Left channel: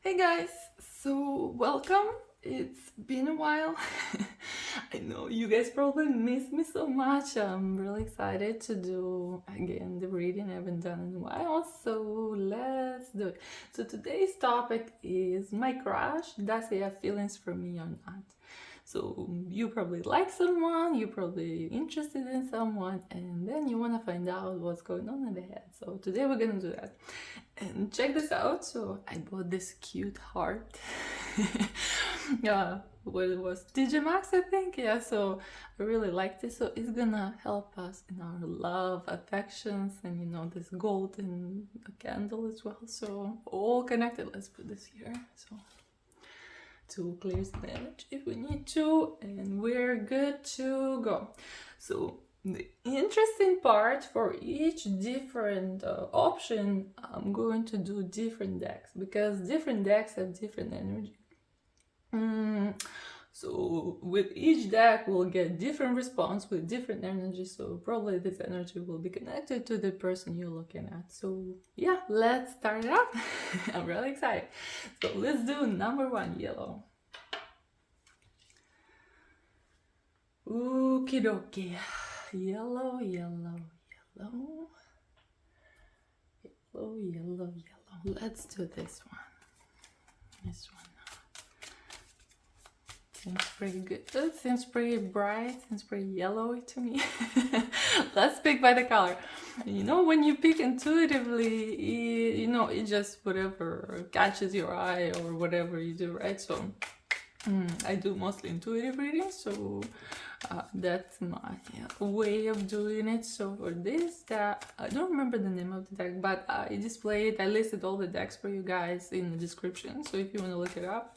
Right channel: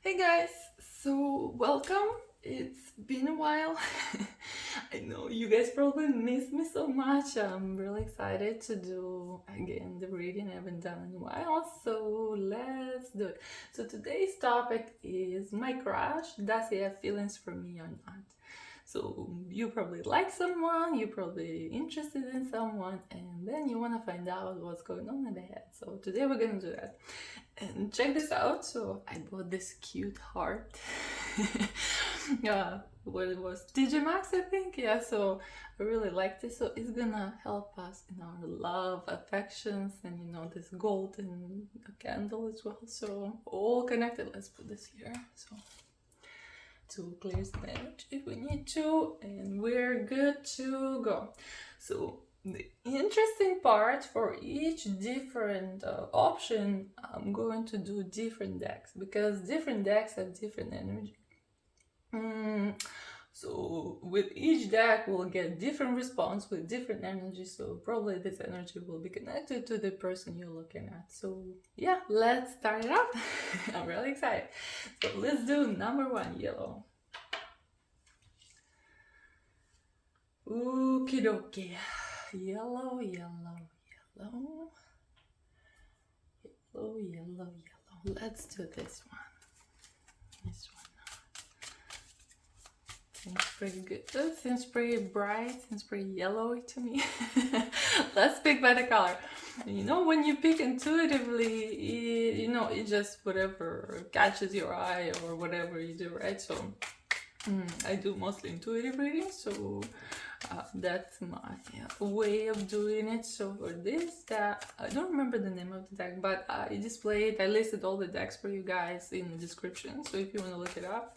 Hey guys, so welcome. It's been a while. I know you guys probably missed me so much. I'm really excited to do again the reading I haven't done in a while, so let's do it. So today's topic is my crush. Does he have feelings for me or not? So you probably like someone, you're probably interested in someone, and then you want to find out what's going on in their head. So today we're gonna do that. And check this out. So I bought this cute heart. Yeah, what it was TJ Maxx, I think. Yeah, so I really like this. So it's gonna help us in our love, affections, and this golden candle as well. So all connected. Let's put this here. So to clear the energy if we need to, and we're good to go. So the interesting part, for each different option, I'm going to do different decks because different decks have different energy. So with each deck we'll get different response with different energy, so probably this energy will be connected to the person you're looking at. So yeah, let's start it up. I'm really excited. So let's do number one, yellow. Okie dokie. Yellow, yellow, yellow. Yellow, yellow, yellow. Let's do this one. This one. Seems pretty good. Seems pretty bright. Seems pretty yellowy to me. Let's pick by the color. When you pick intuitively, it just whatever catches your eye or whatever you do, right? So I do mostly intuitive readings, so that's my way of doing it. So for this, I don't remember the name of the deck, but I displayed, I listed all the decks for you guys in the description. So if you want to look it up,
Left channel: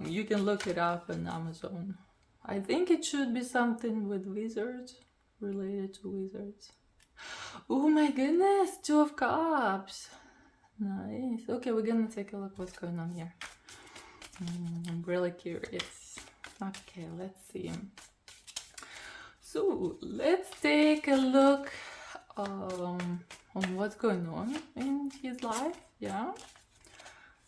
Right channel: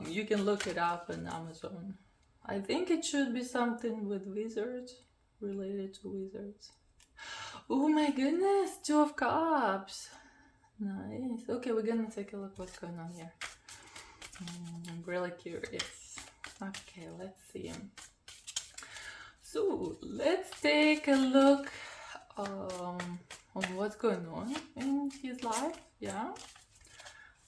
you can look it up on Amazon. I think it should be something with wizards, related to wizards. Oh my goodness, Two of Cups. Nice. Okay, we're gonna take a look what's going on here. I'm really curious. Okay, let's see. So let's take a look on what's going on in his life. Yeah,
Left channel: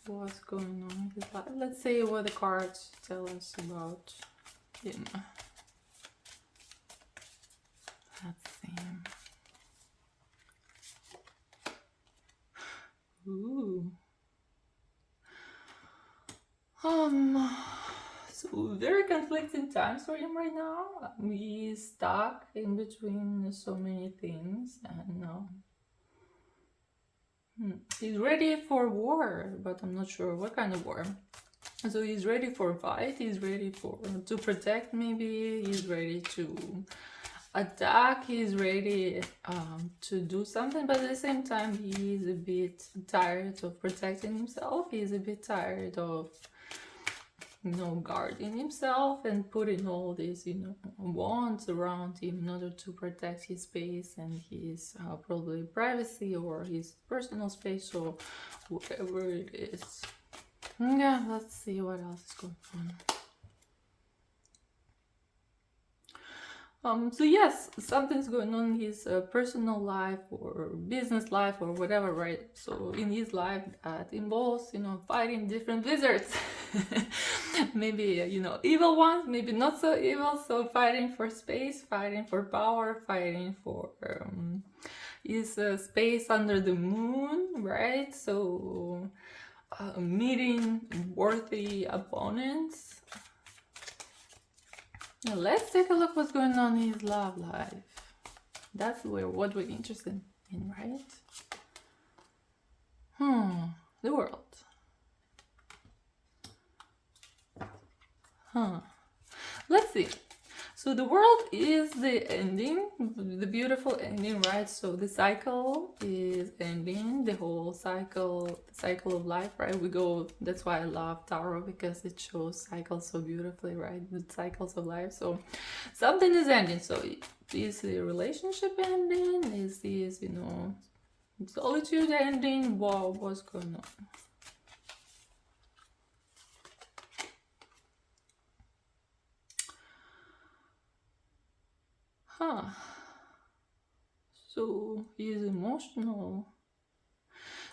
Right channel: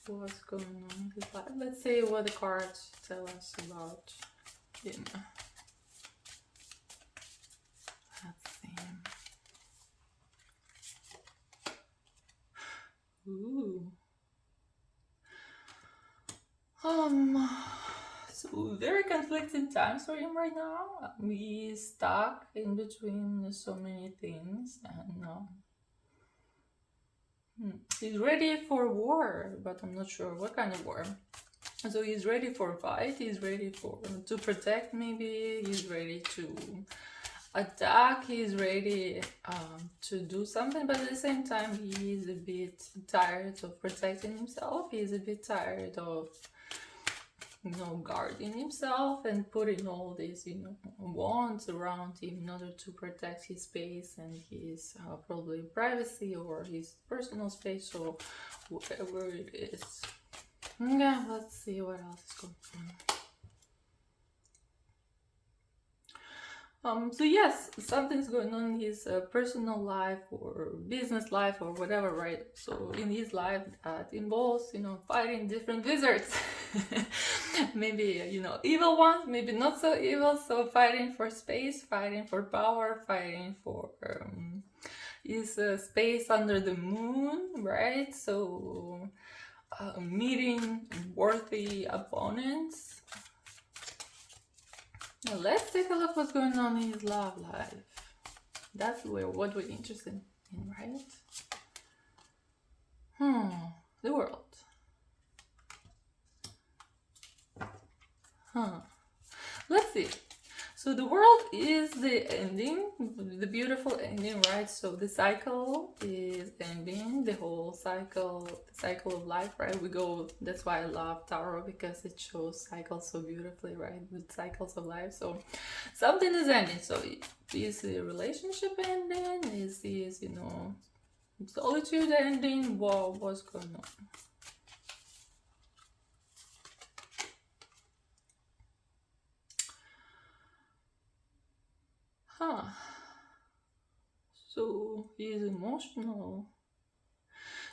what's going on in his life. Let's see what the cards tell us about him. Let's see. Ooh. So very conflicting times for him right now. He's stuck in between so many things, and he's ready for war, but I'm not sure what kind of war. So he's ready for a fight. He's ready to protect. Maybe he's ready to attack. He's ready to do something, but at the same time, he's a bit tired of protecting himself. He's a bit tired of guarding himself and putting all these wands around him in order to protect his space and his probably privacy or his personal space or whatever it is. Yeah, let's see what else is going on. So yes, something's going on in his personal life or business life or whatever, right? So in his life that involves, fighting different wizards. Maybe, evil ones, maybe not so evil. So fighting for space, fighting for power, fighting for his space under the moon, right? So meeting worthy opponents. Now let's take a look what's going on in his love life. That's what we're interested in, right? The world. Let's see. So the world is the ending, the beautiful ending, right? So the cycle is ending, the whole cycle, the cycle of life, right? That's why I love tarot, because it shows cycles so beautifully, right? The cycles of life. So something is ending. So is the relationship ending? Is solitude ending? Wow, what's going on? So he is emotional.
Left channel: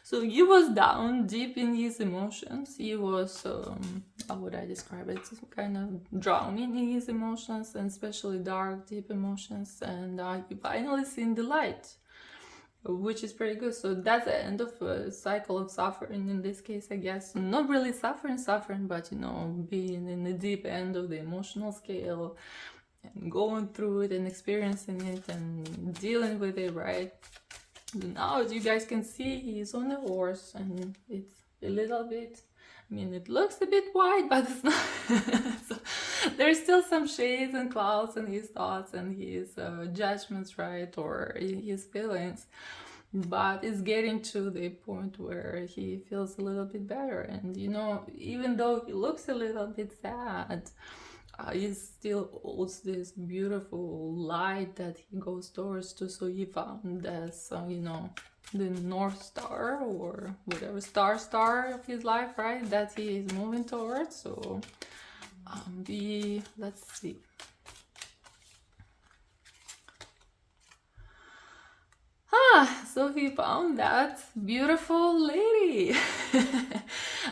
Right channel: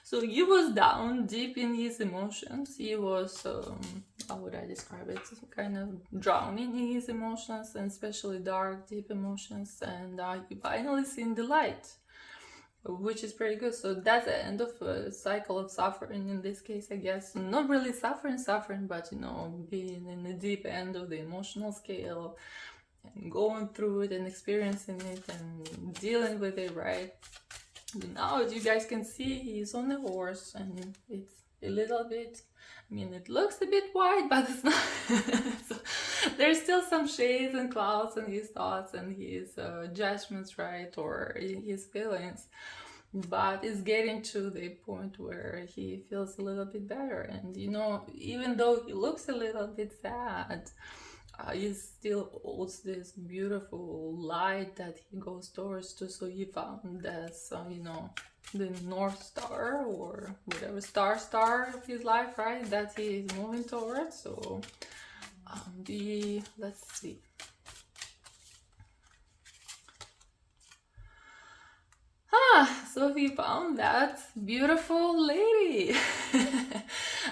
So he was down deep in his emotions. He was, how would I describe it? Kind of drowning in his emotions, and especially dark, deep emotions. And he finally seen the light, which is pretty good. So that's the end of a cycle of suffering in this case, I guess. Not really suffering, but you know, being in the deep end of the emotional scale and going through it and experiencing it and dealing with it, right? Now, as you guys can see, he's on a horse, and it's a little bit, I mean, it looks a bit white, but it's not. So, there's still some shades and clouds in his thoughts and his judgments, right, or his feelings. But it's getting to the point where he feels a little bit better. And, you know, even though he looks a little bit sad, he still holds this beautiful light that he goes towards to. So he found this, you know, the North Star or whatever star of his life, right? That he is moving towards. So let's see. So he found that beautiful lady.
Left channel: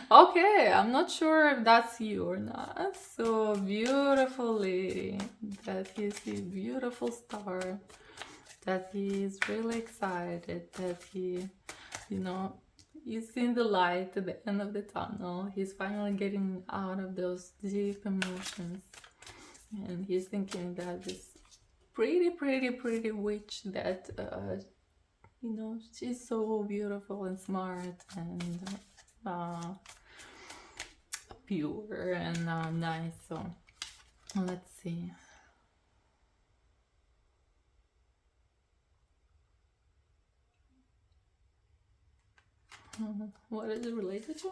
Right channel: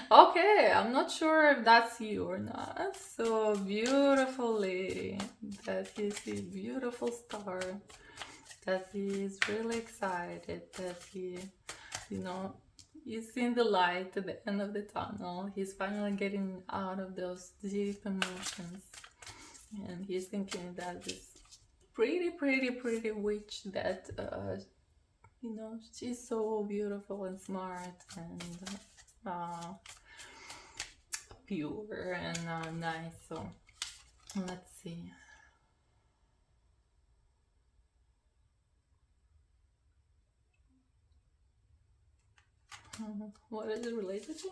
Okay, I'm not sure if that's you or not. So beautiful lady, that he sees beautiful star, that he is really excited, that he, you know, he's seen the light at the end of the tunnel. He's finally getting out of those deep emotions, and he's thinking that this pretty witch that you know, she's so beautiful and smart and pure and nice. So let's see. What is it related to?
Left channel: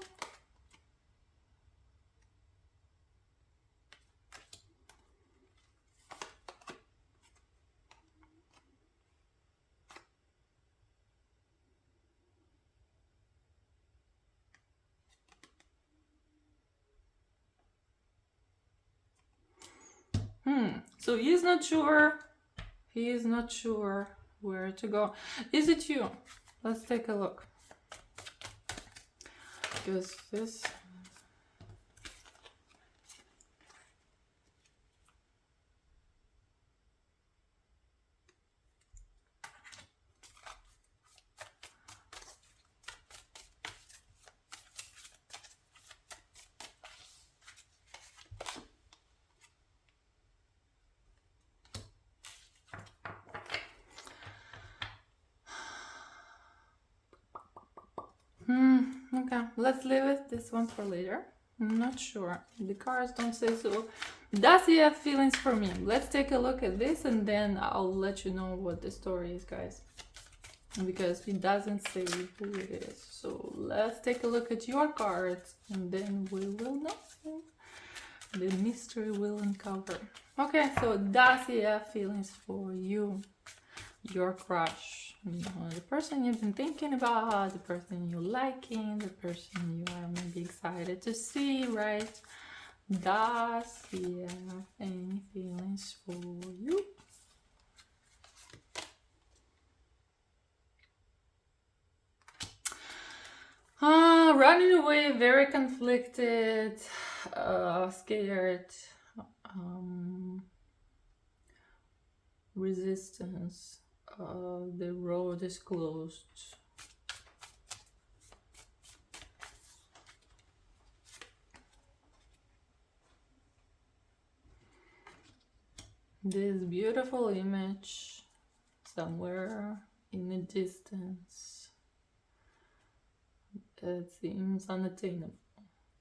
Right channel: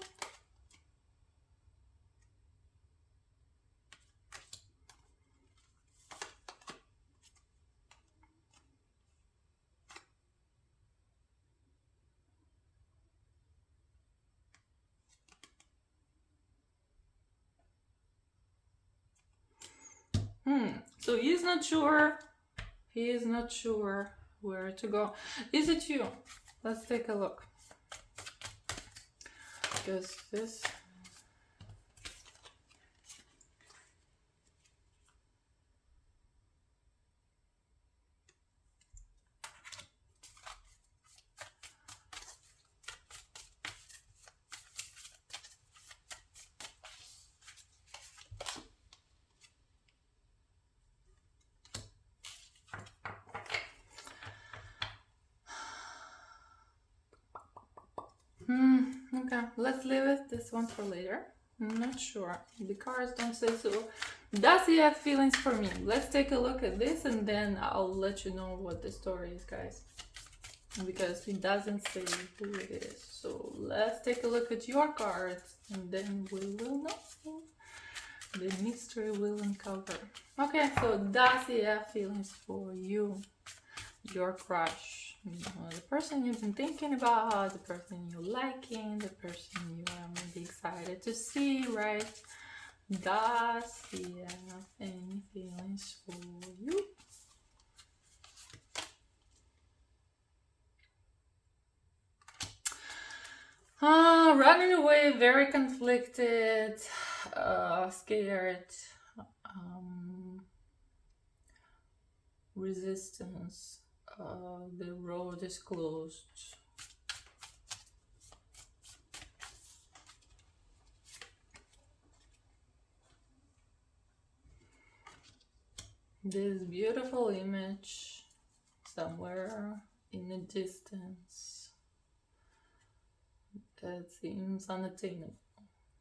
So he's not sure. He is not sure where to go. Is it you? Let's take a look. Because this. Okay, let's leave it this one for later. I'm not sure. The cards don't say so. Does he have feelings for me? Let's take a look at this and then I'll let you know what the story is, guys. Because he doesn't say who it is. So let's take a look at your cards and then we will know. The mystery will uncover. Okay, so does he have feelings for you? Your crush? You know, the person you've been thinking about, the person you're liking, the person you are maybe excited to see, right? Does he have any feelings for you? Running away, very conflicted, scared, resistance. The road is closed. This beautiful image somewhere in the distance that seems unattainable,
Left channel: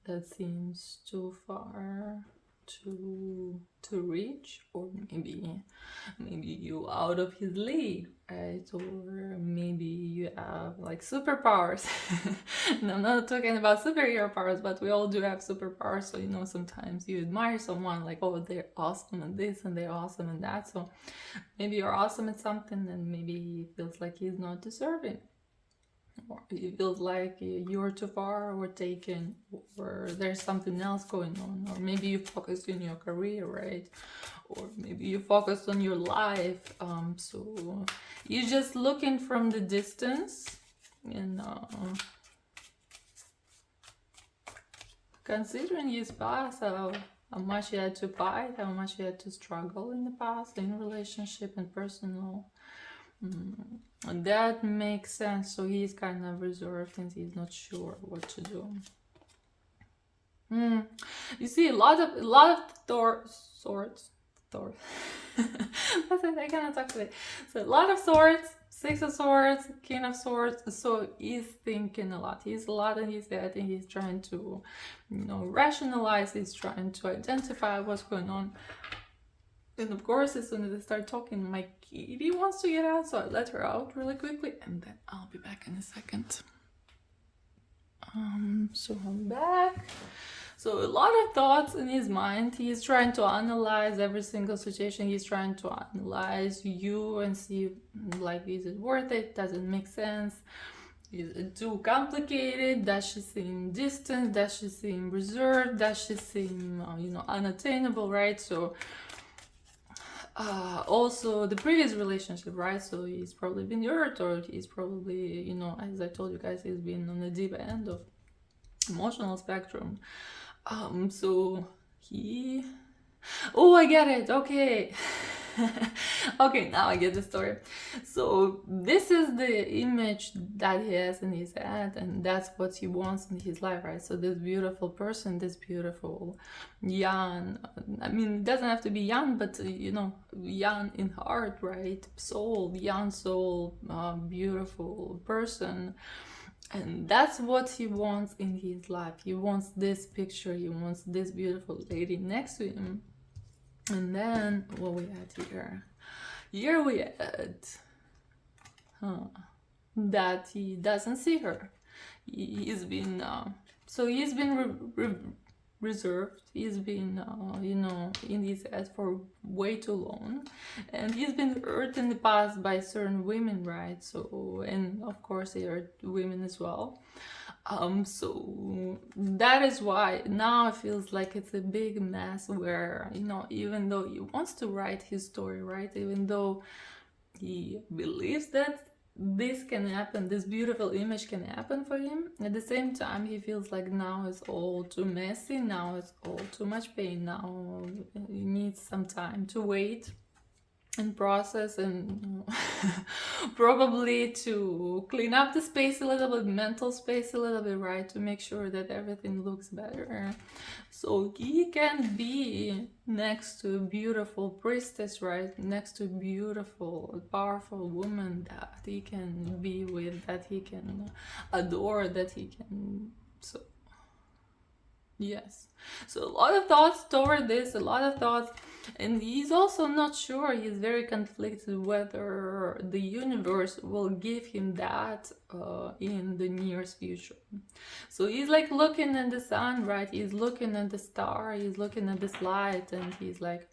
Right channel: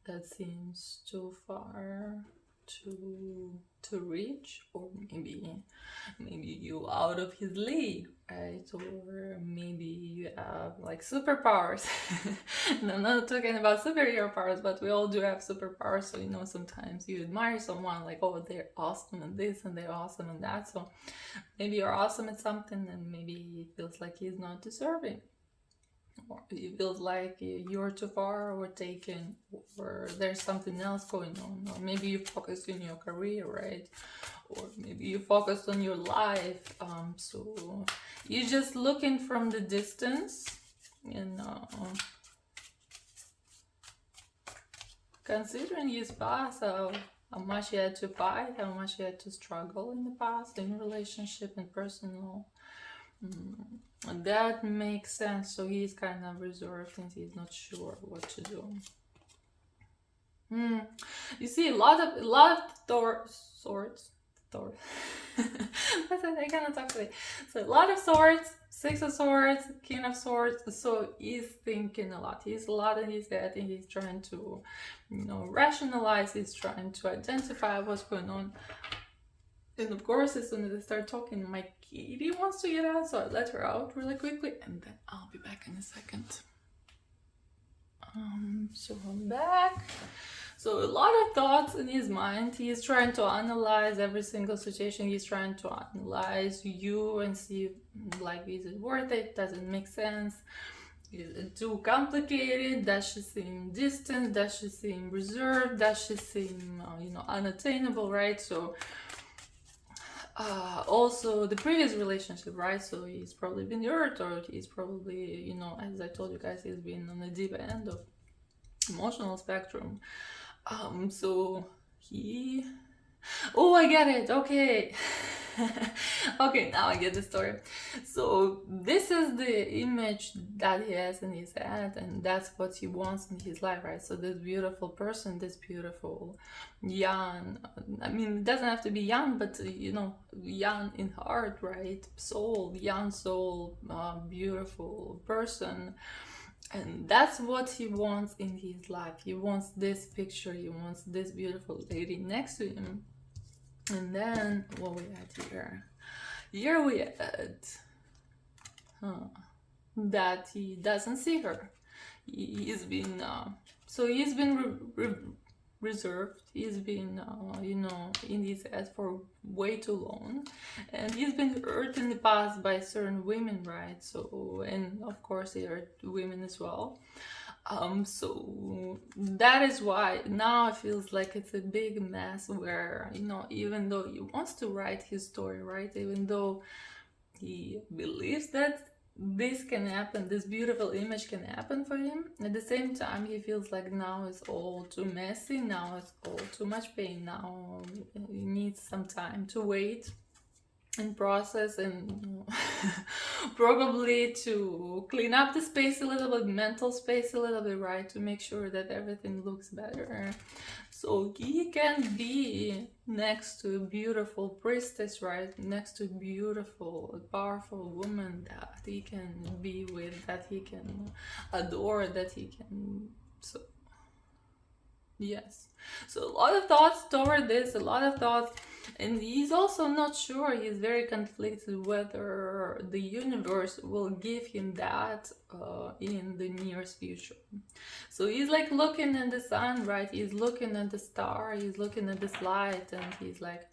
that seems too far to reach, or maybe you out of his league, right? Or maybe you have like superpowers. No, I'm not talking about superhero powers, but we all do have superpowers. So you know, sometimes you admire someone like, oh, they're awesome at this and they're awesome at that. So maybe you're awesome at something and maybe he feels like he's not deserving, or it feels like you're too far or taken, or there's something else going on, or maybe you focus on your career, right? Or maybe you focus on your life. So you're just looking from the distance, and considering his past, how much he had to fight, how much he had to struggle in the past, in relationship and personal. That makes sense. So he's kind of reserved and he's not sure what to do. You see a lot of swords. I cannot talk today. So a lot of swords, 6 of swords, king of swords. So he's thinking a lot. He's a lot in his head, and he's trying to, rationalize. He's trying to identify what's going on. And of course, as soon as I start talking, my kitty wants to get out, so I let her out really quickly, and then I'll be back in a second. So I'm back. So a lot of thoughts in his mind. He's trying to analyze every single situation. He's trying to analyze you and see, like, is it worth it? Does it make sense? Is it too complicated? Does she seem distant? Does she seem reserved? Does she seem, unattainable, right? So also the previous relationship, right? So he's probably been hurt, or he's probably, as I told you guys, he's been on the deep end of emotional spectrum. So he... Oh, I get it. Okay. Okay, now I get the story. So this is the image that he has in his head, and that's what he wants in his life, right? So this beautiful person, this beautiful young, I mean, it doesn't have to be young, but young in heart, right? Soul, young soul, beautiful person. And that's what he wants in his life. He wants this picture. He wants this beautiful lady next to him. And then what we had here? Here we had that he doesn't see her. He's been reserved. He's been in his head for way too long, and he's been hurt in the past by certain women, right? So, and of course he hurt women as well. So that is why now it feels like it's a big mess where, even though he wants to write his story, right? Even though he believes that this can happen, this beautiful image can happen for him, at the same time he feels like now it's all too messy, now it's all too much pain, now he needs some time to wait and process, and probably to clean up the space a little bit, mental space a little bit, right, to make sure that everything looks better, so he can be next to a beautiful priestess, right, next to a beautiful, powerful woman that he can be with, that he can adore, that he can... So yes, so a lot of thoughts toward this, a lot of thoughts. And he's also not sure, he's very conflicted whether the universe will give him that in the nearest future. So he's like looking at the sun, right? He's looking at the star, he's looking at this light, and he's like,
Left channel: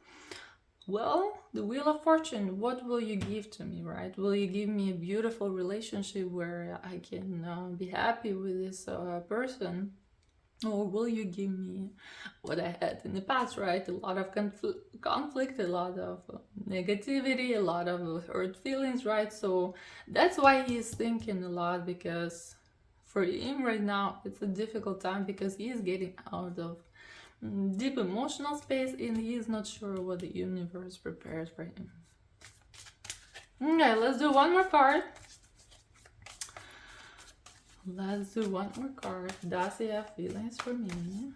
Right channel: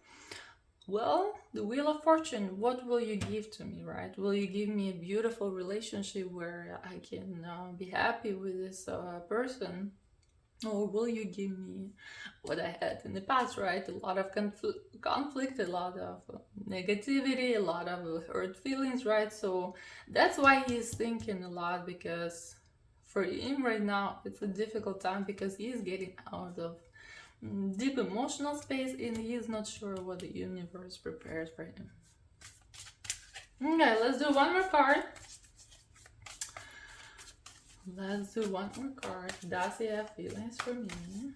well, the Wheel of Fortune, what will you give to me, right? Will you give me a beautiful relationship where I can be happy with this person? Or will you give me what I had in the past, right? A lot of conflict, a lot of negativity, a lot of hurt feelings, right? So that's why he's thinking a lot, because for him right now, it's a difficult time because he is getting out of deep emotional space and he is not sure what the universe prepares for him. Okay, let's do one more card. Let's do one more card. Does he have feelings for me?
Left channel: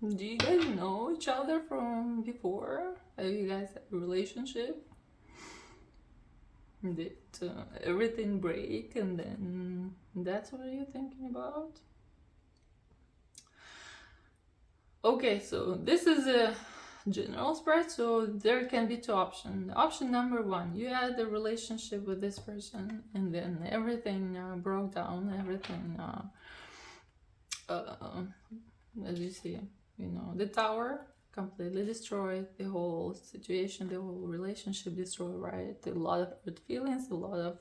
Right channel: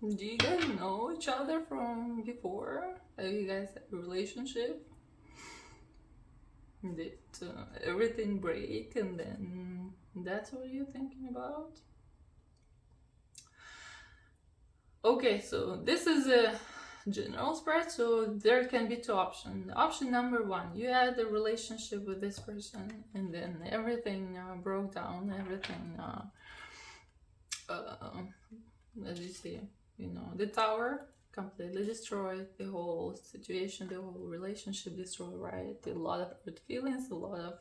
Do you guys know each other from before? Have you guys had a relationship? Did everything break and then that's what you're thinking about? Okay, so this is general spread. So there can be two options. Option number one, you had a relationship with this person and then everything broke down, everything as you see, you know, the tower completely destroyed, the whole situation, the whole relationship destroyed, right? A lot of good feelings, a lot of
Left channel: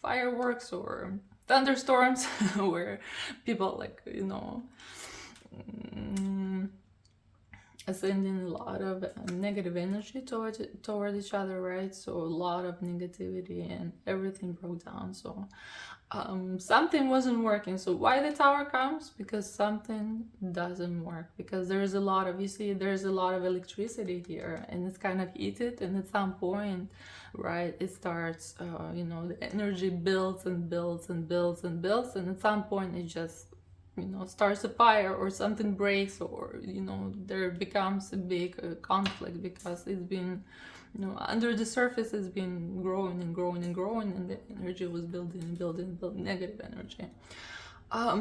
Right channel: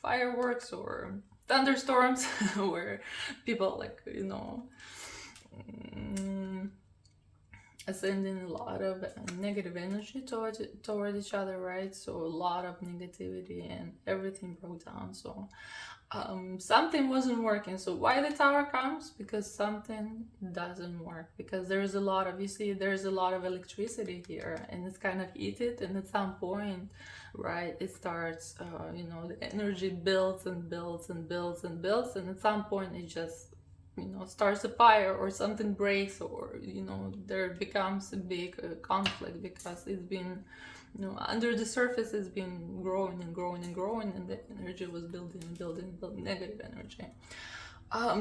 fireworks or thunderstorms where people, like, you know, sending a lot of negative energy toward each other, right? So a lot of negativity and everything broke down. So something wasn't working. So why the tower comes? Because something doesn't work, because there's a lot of, you see, there's a lot of electricity here and it's kind of heated, and at some point, right, it starts you know, the energy builds and builds and builds and builds, and at some point it just, you know, starts a fire or something breaks, or, you know, there becomes a big conflict, because it's been, you know, under the surface it's been growing and growing and growing, and the energy was building and building and building, negative energy.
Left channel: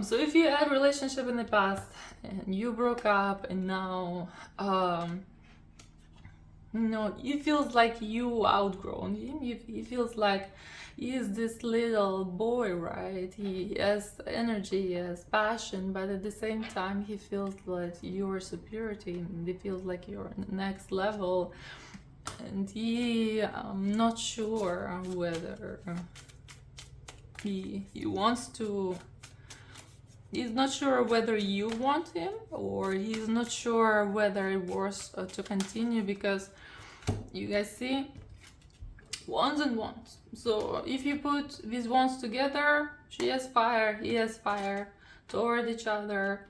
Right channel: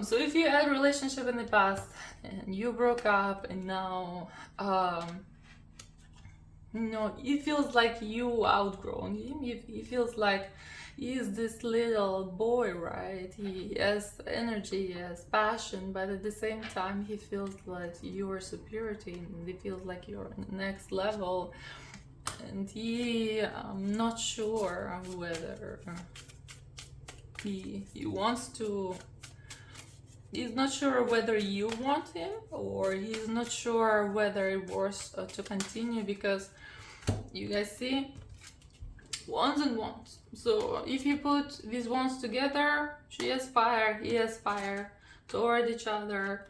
So if you had a relationship in the past and you broke up, and now you know, it feels like you outgrown him. It feels like he's this little boy, right? He has energy, he has passion, but at the same time he feels like you're superiority, and he feels like you're on the next level. And he, I'm not sure whether he wants to, he's not sure whether you want him, or he's not sure whether it was to continue, because you guys see wands and wands. So if you put these wands together, she has fire, he has fire toward each other.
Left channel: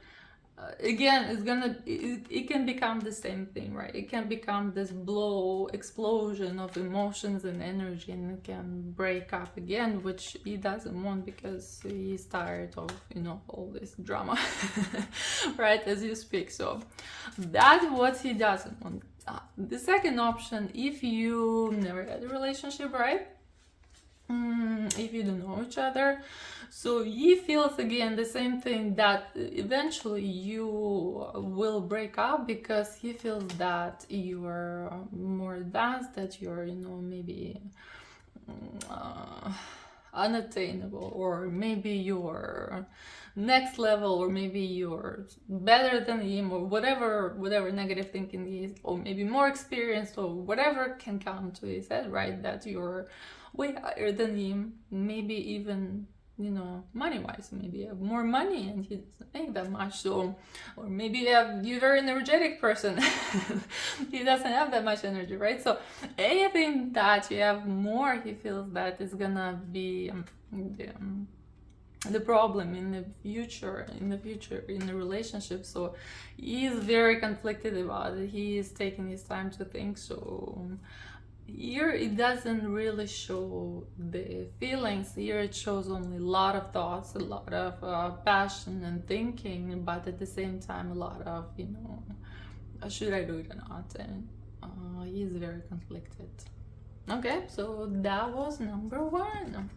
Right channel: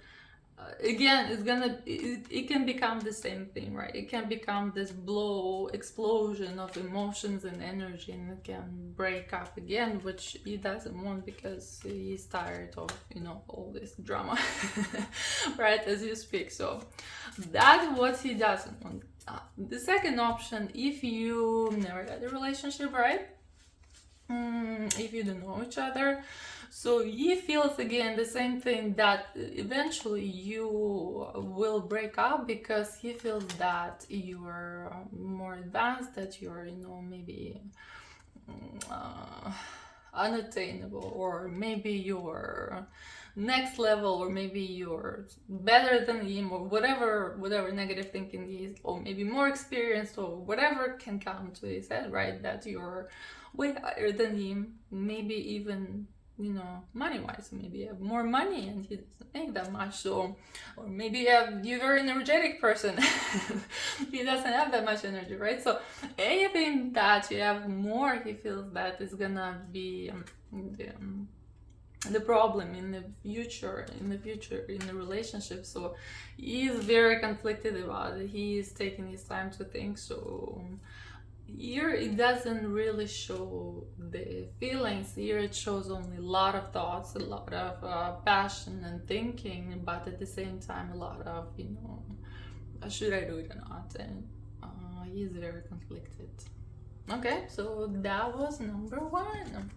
Again, it's gonna, it can become the same thing, right? It can become this explosion of emotions and energy, and it can break up again, which he doesn't want, because he's tired of, you know, all this drama right, as you speak. So that's what he doesn't want. The second option, if you never had a relationship, right, if you don't know each other, so he feels again the same thing, that eventually you will break up, because he feels that you are more advanced, that you're, you know, maybe unattainable, or maybe you're next level, or maybe you're better than him, or whatever negative thinking is, or maybe more experienced, or whatever can come to his head, right? That you're way higher than him, maybe even, you know, money-wise, maybe you have more money and he doesn't make that much. So, or maybe you're a very energetic person he doesn't have that much energy, right? So anything that you have more, he feels that is gonna be the problem in the future in the relationship. So he is very conflicted about it. He is taking his time to think. So here it doesn't really show the feelings. Here it shows only a lot of thoughts, a lot of passion and thinking, but at the same time a lot of, you know, should I do it or not? And he is very conflicted. Okay, so that was number one.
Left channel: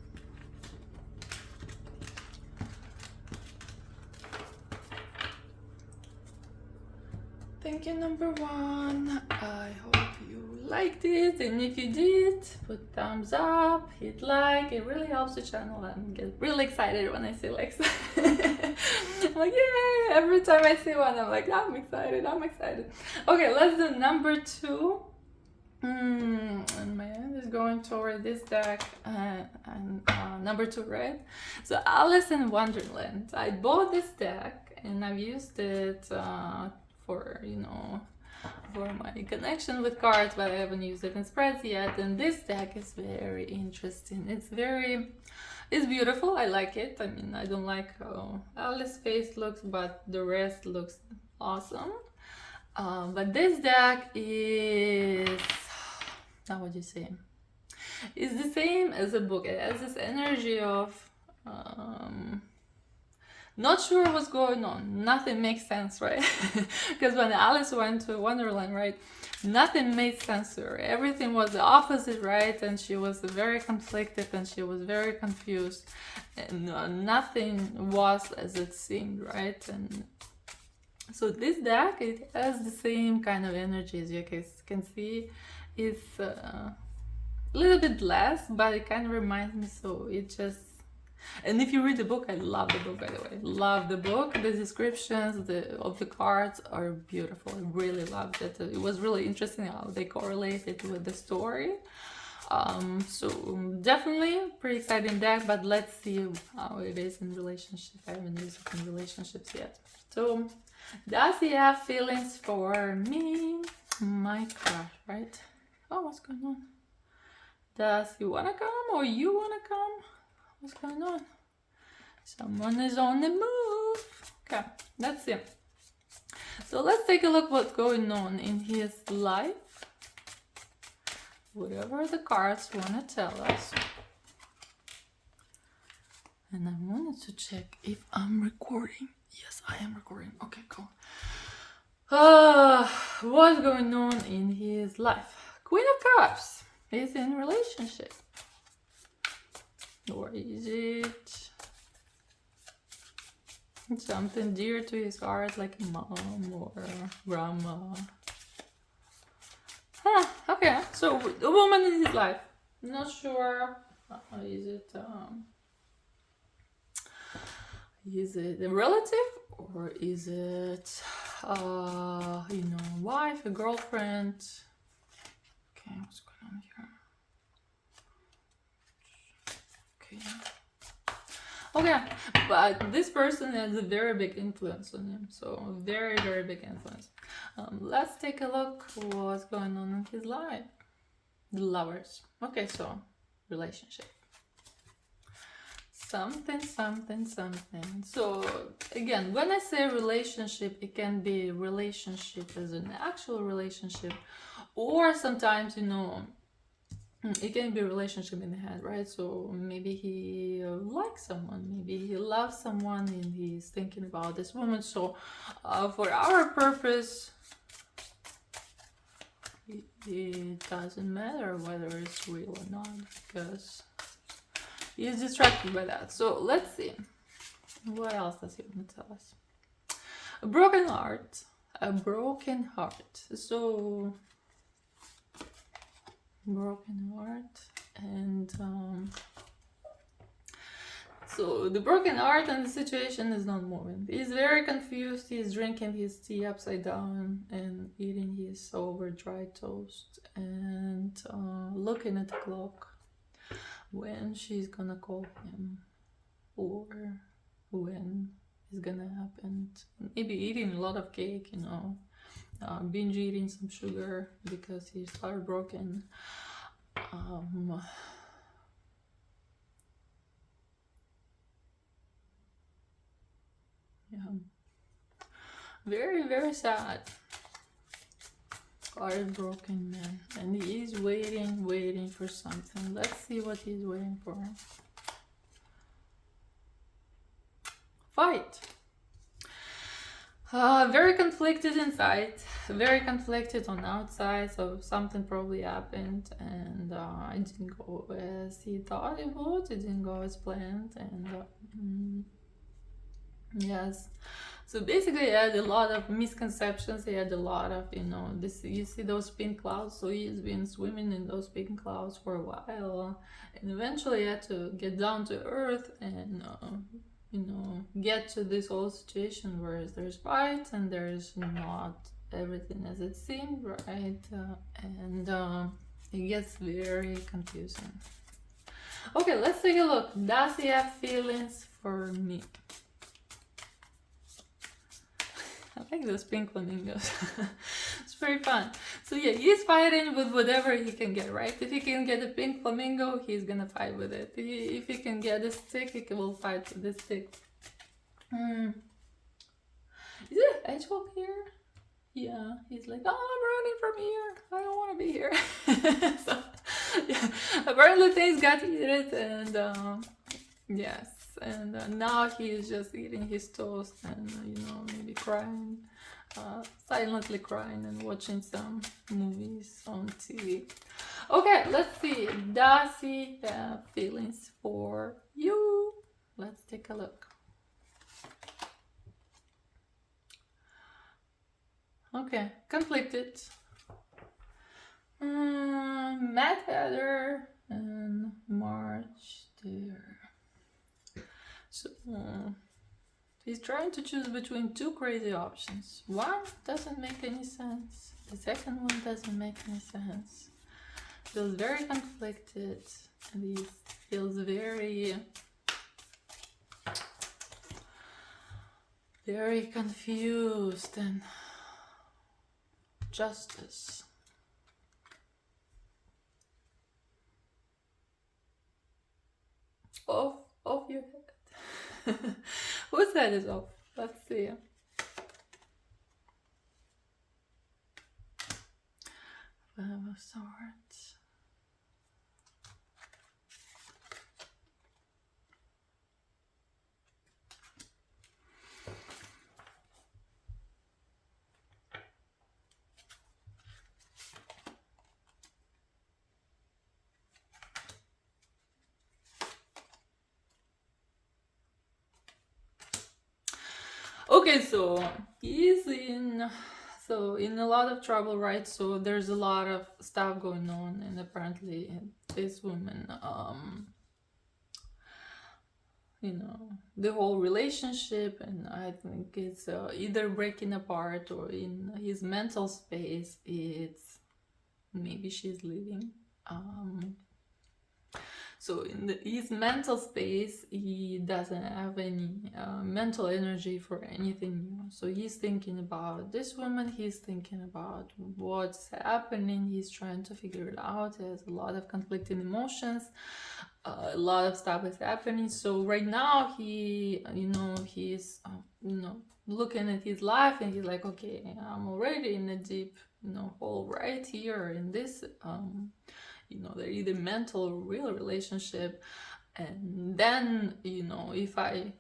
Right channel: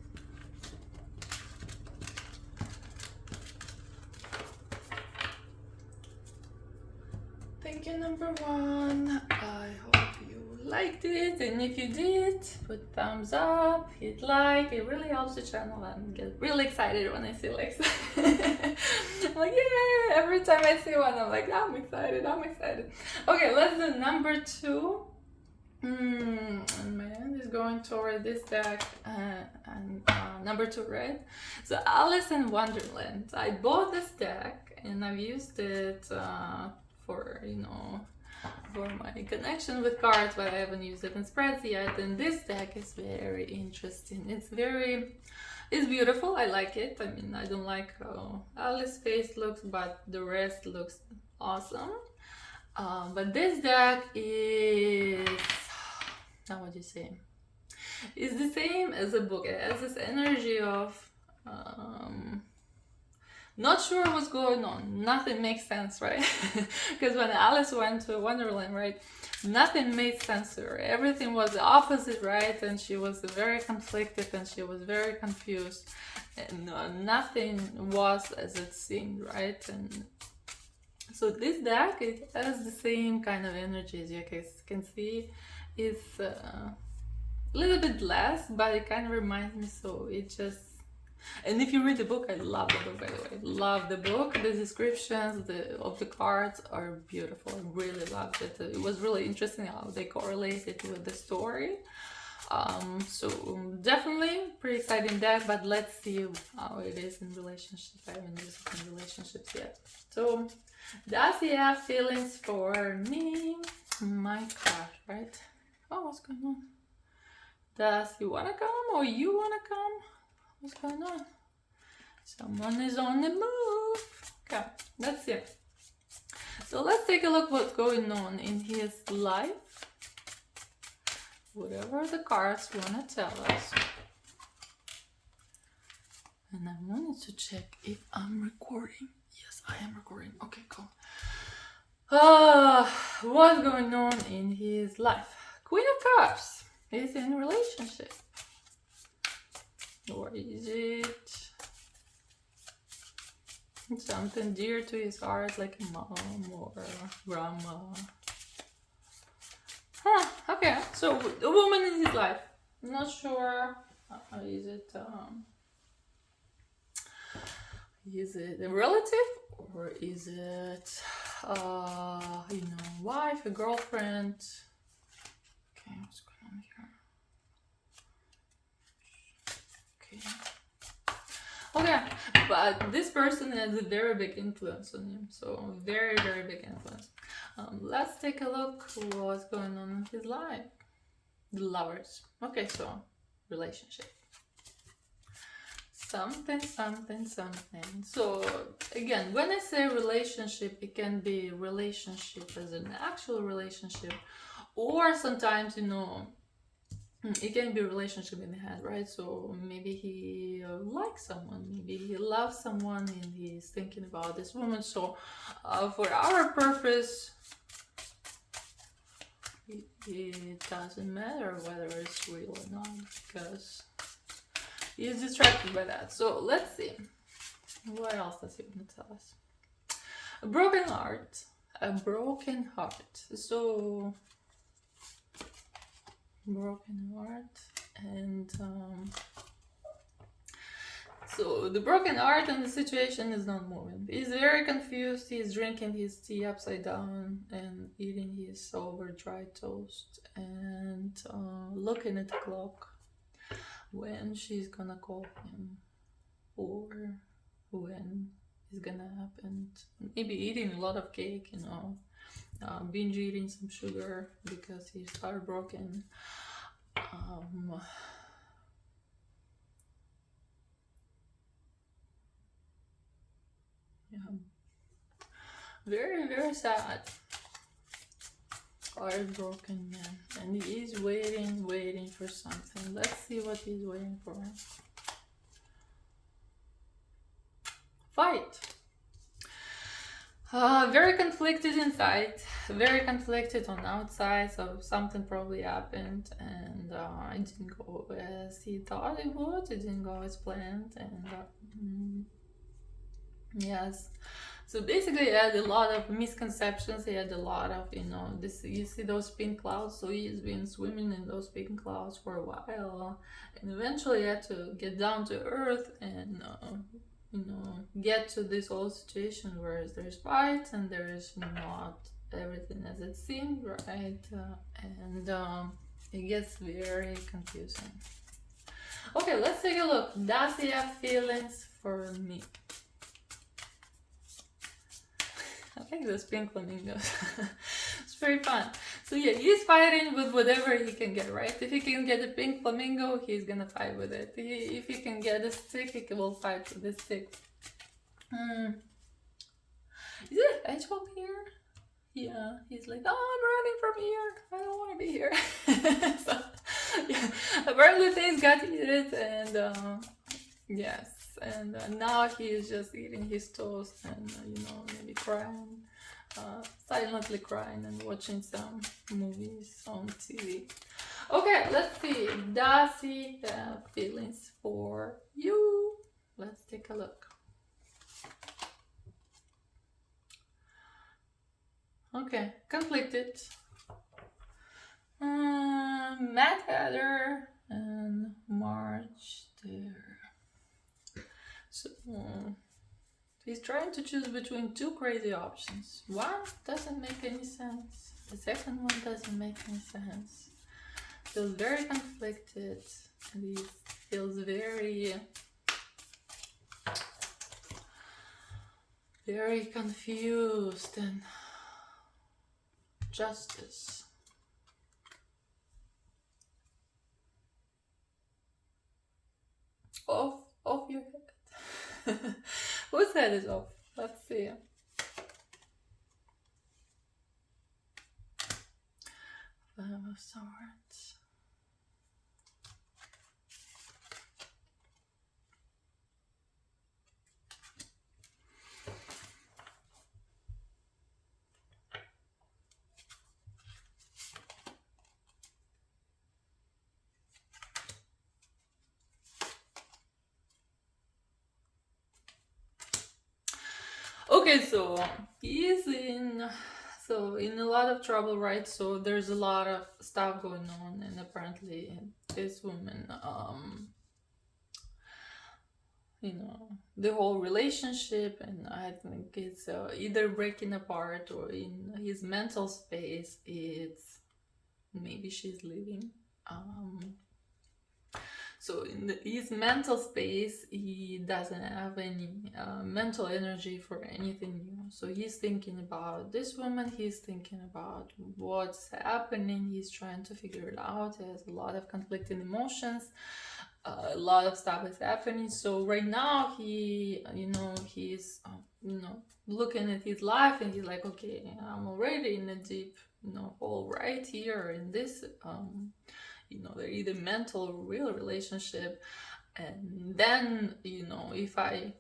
Thank you, number one. I hope you liked it, and if you did, put thumbs up, hit like. It really helps the channel, and get really excited when I see likes. I'm like, yay! Every time I see one, I'm like, I'm excited. Okay, let's do number two. And my hand is going toward this deck, and number two, right? So Alice in Wonderland. I bought this deck and I've used it for, you know, for my connection with cards, but I haven't used it in spreads yet. And this deck is very interesting. It's beautiful. I like it. I mean, I don't like how Alice's face looks, but the rest looks awesome. But this deck is, how would you say? It's the same as a book. It has this energy of not sure what's going on. Nothing makes sense, right? Because when Alice went to Wonderland, right, nothing made sense to her. Everything was the opposite, right? And she was very conflicted and she was very confused. And nothing was as it seemed, right? And So this deck, it has the same kind of energies. You can see it's a little bit less, but it kind of reminds me. So it just, and if you read the book, I love the book, by the way. Love the book. The descriptions of the cards are beautiful. I really loved it. It was really interesting how they correlated with the story. So definitely pretty exciting deck, but let's see how it is in relationship. I haven't used it in relationships yet. So does he have feelings for me? My gosh, right? Oh, what's going on? Does he wanna come or you wanna come? What's going on? Someone is on the move. Okay, let's see. So let's take a look what's going on in his life. Whatever the cards want to tell us. And I wanted to check if I'm recording. Yes, I am recording. Okay, cool. What's going on in his life? Queen of Cups is in a relationship. Or is it something dear to his heart, like a mom or grandma? Huh, okay, so a woman in his life. Not sure. Is it a relative or is it wife, a girlfriend? Okay, what's going on here? Okay. Okay, but this person has a very big influence on him. So very, very big influence. Let's take a look what's going on in his life. The Lovers. Okay, so relationship. Something. So again, when I say relationship, it can be relationship as an actual relationship, or sometimes, it can be a relationship in the head, right? So maybe he likes someone, maybe he loves someone and he's thinking about this woman. So for our purpose, it doesn't matter whether it's real or not, because he's distracted by that. So let's see. What else does he want to tell us? A broken heart. A broken heart. So broken heart. And so the broken heart and the situation is not moving. He's very confused. He's drinking his tea upside down and eating his over dry toast and looking at the clock when she's gonna call him or when it's gonna happen. Maybe eating a lot of cake, binge eating some sugar because he's heartbroken. Yeah, very, very sad. Heartbroken man, and he's waiting for something. Let's see what he's waiting for. Fight. Very conflicted inside, very conflicted on outside. So something probably happened, and it didn't go as he thought it would. It didn't go as planned, and yes. So basically, he had a lot of misconceptions. He had a lot of, this. You see those pink clouds. So he's been swimming in those pink clouds for a while, and eventually he had to get down to earth and, get to this whole situation where there's fight and there's not everything as it seemed, right? And it gets very confusing. Okay, let's take a look. Does he have feelings for me? I like those pink flamingos. It's pretty fun. So yeah, he's fighting with whatever he can get, right? If he can get a pink flamingo, he's gonna fight with it. If he can get a stick, he will fight with the stick. Is it a hedgehog here? Yeah, he's like, oh, I'm running from here. I don't want to be here. So, yeah, apparently things got heated, and yes, and now he is just eating his toast and maybe crying, silently crying and watching some movies on TV. Okay, let's see. Does he have feelings for you? Let's take a look. Okay, conflicted. Mad Hatter and March there. So he's trying to choose between two crazy options. One doesn't make any sense. The second one doesn't make any sense. Feels very conflicted, and he feels very confused. And justice. Off your head. Whose head is off? Let's see. Five of Swords. Okay, so he's in a lot of trouble, right? So there's a lot of stuff going on, and apparently this woman, the whole relationship, and I think it's either breaking apart, or in his mental space, it's maybe she's leaving. So in his mental space, he doesn't have any mental energy for anything new. So he's thinking about this woman, he's thinking about what's happening, he's trying to figure it out. He has a lot of conflicting emotions, a lot of stuff is happening. So right now he's looking at his life, and he's like, okay, I'm already in a deep hole right here in this they're either mental or real relationship. And then if I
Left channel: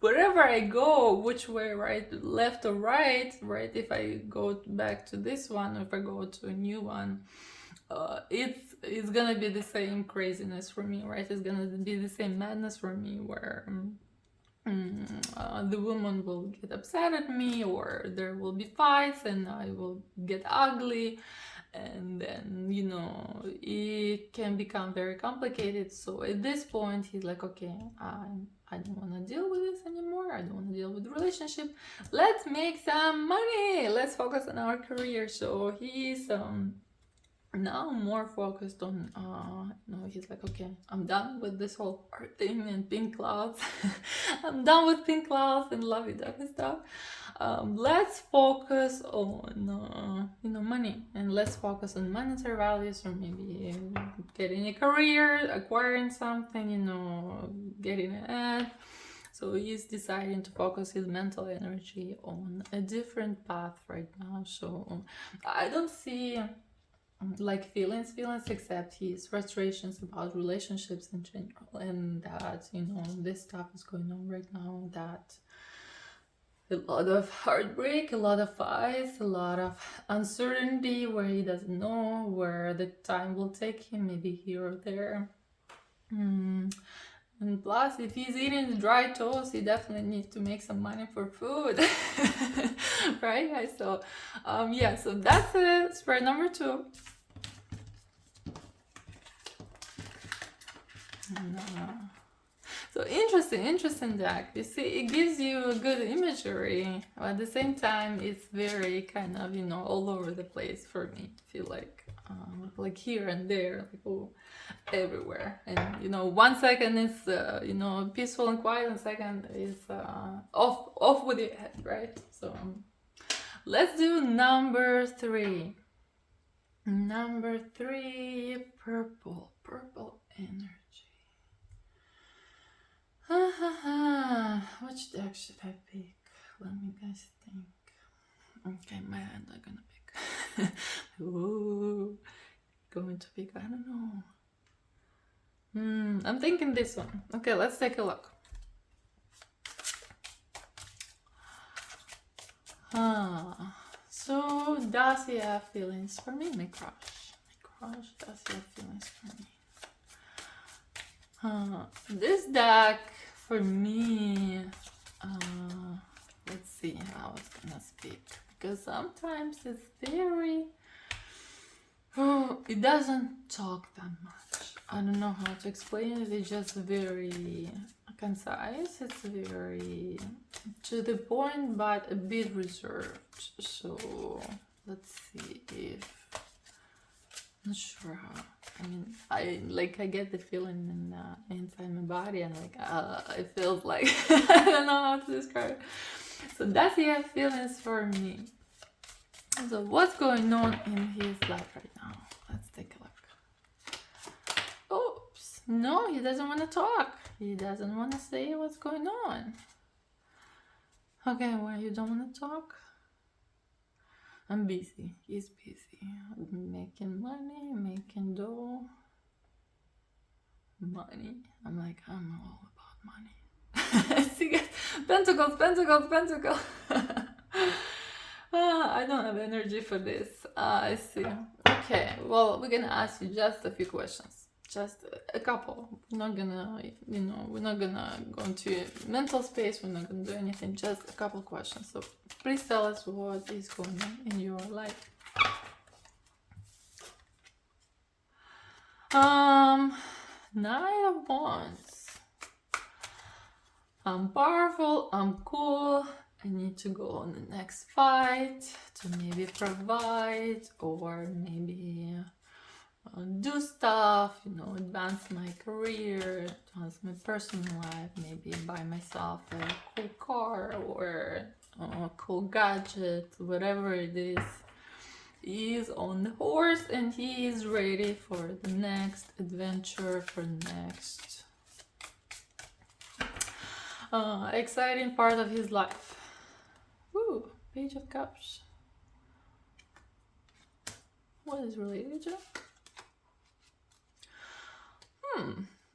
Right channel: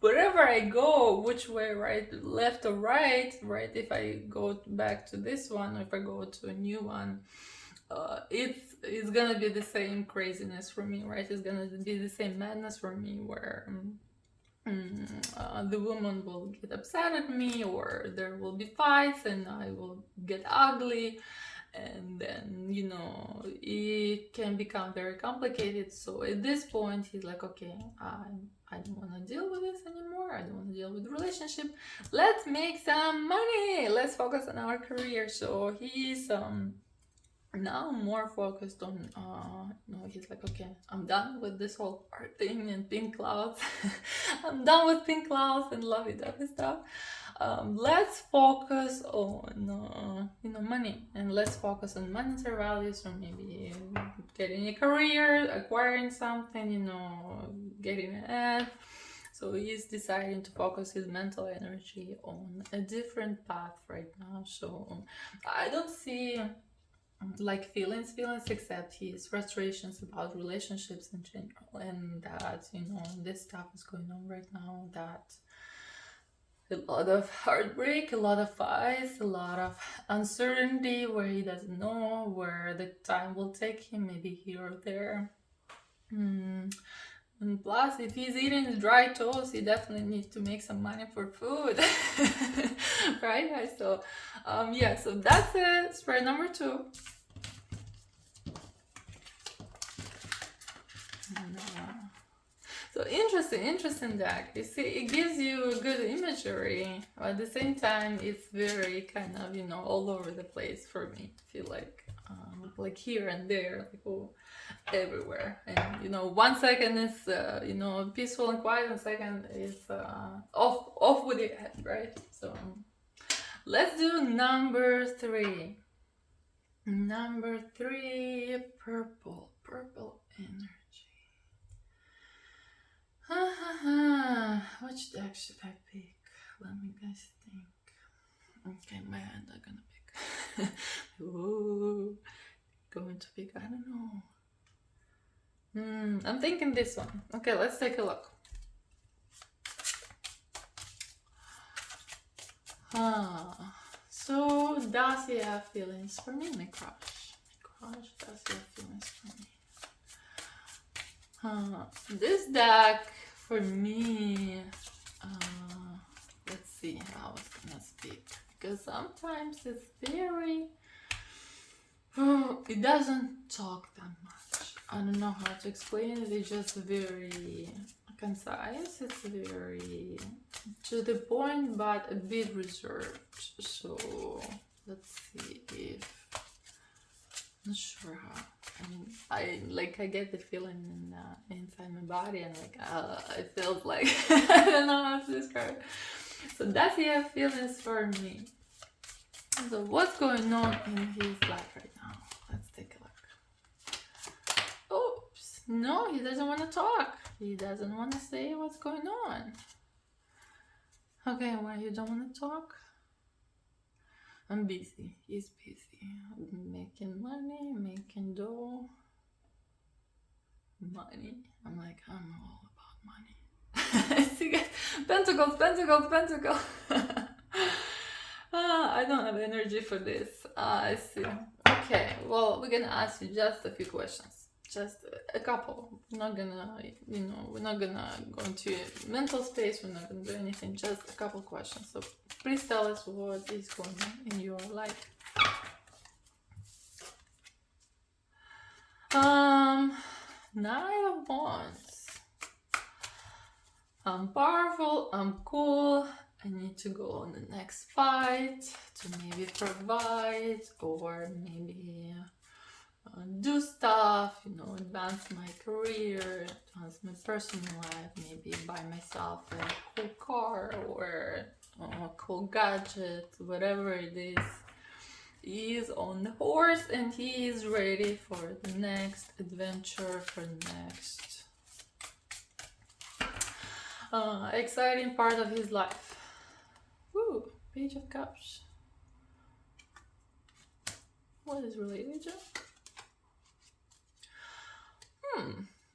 wherever I go, which way, right, left or right, if I go back to this one, or if I go to a new one, it's gonna be the same craziness for me, right? It's gonna be the same madness for me, where the woman will get upset at me, or there will be fights, and I will get ugly, and then it can become very complicated. So at this point he's like, okay, I don't want to deal with this anymore, I don't want to deal with the relationship, let's make some money, let's focus on our career. So he's now more focused on he's like, okay, I'm done with this whole art thing and pink clouds. I'm done with pink clouds and lovey-dovey stuff. Let's focus on money, and let's focus on monetary values, or maybe getting a career, acquiring something, getting ahead. So he's deciding to focus his mental energy on a different path right now. So I don't see like feelings, except his frustrations about relationships in general, and that this stuff is going on right now, that a lot of heartbreak, a lot of fights, a lot of uncertainty, where he doesn't know where the time will take him, maybe here or there. And plus, if he's eating dry toast, he definitely needs to make some money for food. Right? So so that's spread number 2. So interesting deck. You see, it gives you a good imagery, but at the same time, it's very kind of all over the place for me. I feel like here and there, like everywhere. And 1 second it's peaceful and quiet, and second is off with your head, right? So let's do number 3. Number 3, purple energy. Which deck should I pick? Let me guys think. Okay, my hand I'm gonna pick. Ooh, going to pick, I don't know. I'm thinking this one. Okay, let's take a look. So does he have feelings for me? My crush. Does he have feelings for me? This deck for me, let's see how sometimes it's very, it doesn't talk that much. I don't know how to explain it. It's just very concise. It's very to the point, but a bit reserved. So let's see if, not sure how. I mean, I get the feeling inside my body, and like it feels like I don't know how to describe it. So does he have feelings for me? So what's going on in his life right now? Let's take a look. Oops. No, he doesn't want to talk. He doesn't want to say what's going on. Okay, why you don't want to talk? I'm busy. He's busy. Making money, making dough. Money. I'm like, I'm all about money. See, guys? Pentacles, pentacles, pentacles. I don't have energy for this. I see. Okay, well, we're gonna ask you just a few questions. Just a couple. We're not gonna, we're not gonna go into mental space. We're not gonna do anything. Just a couple questions. So please tell us what is going on in your life. Nine of Wands. I'm powerful. I'm cool. I need to go on the next fight to maybe provide or maybe do stuff, advance my career, advance my personal life, maybe buy myself a cool car or a cool gadget, whatever it is. He is on the horse and he is ready for the next adventure, for the next exciting part of his life. Ooh, Page of Cups. What is related to?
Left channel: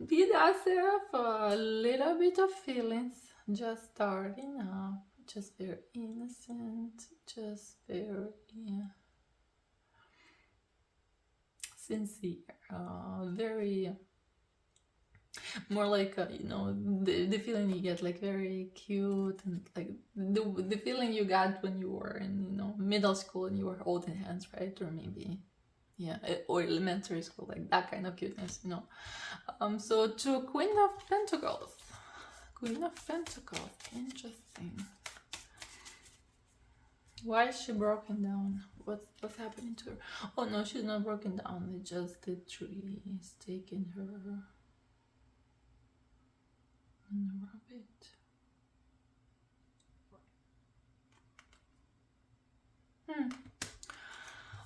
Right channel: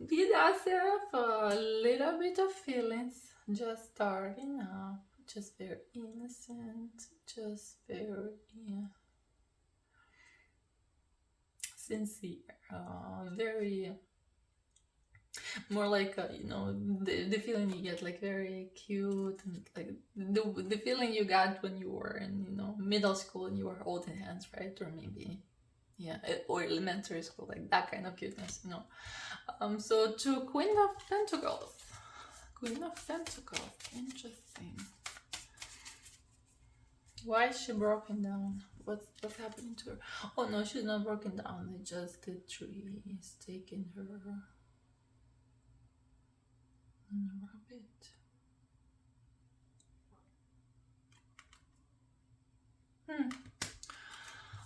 He does have a little bit of feelings, just starting up, just very innocent, just very sincere, very more like the feeling you get, like very cute, and like the feeling you got when you were in middle school and you were holding hands, right? Or maybe or elementary school, like that kind of cuteness. So to Queen of Pentacles. Queen of Pentacles, interesting. Why is she broken down? What's happening to her? Oh no, she's not broken down. It's just the tree is taking her on a rabbit.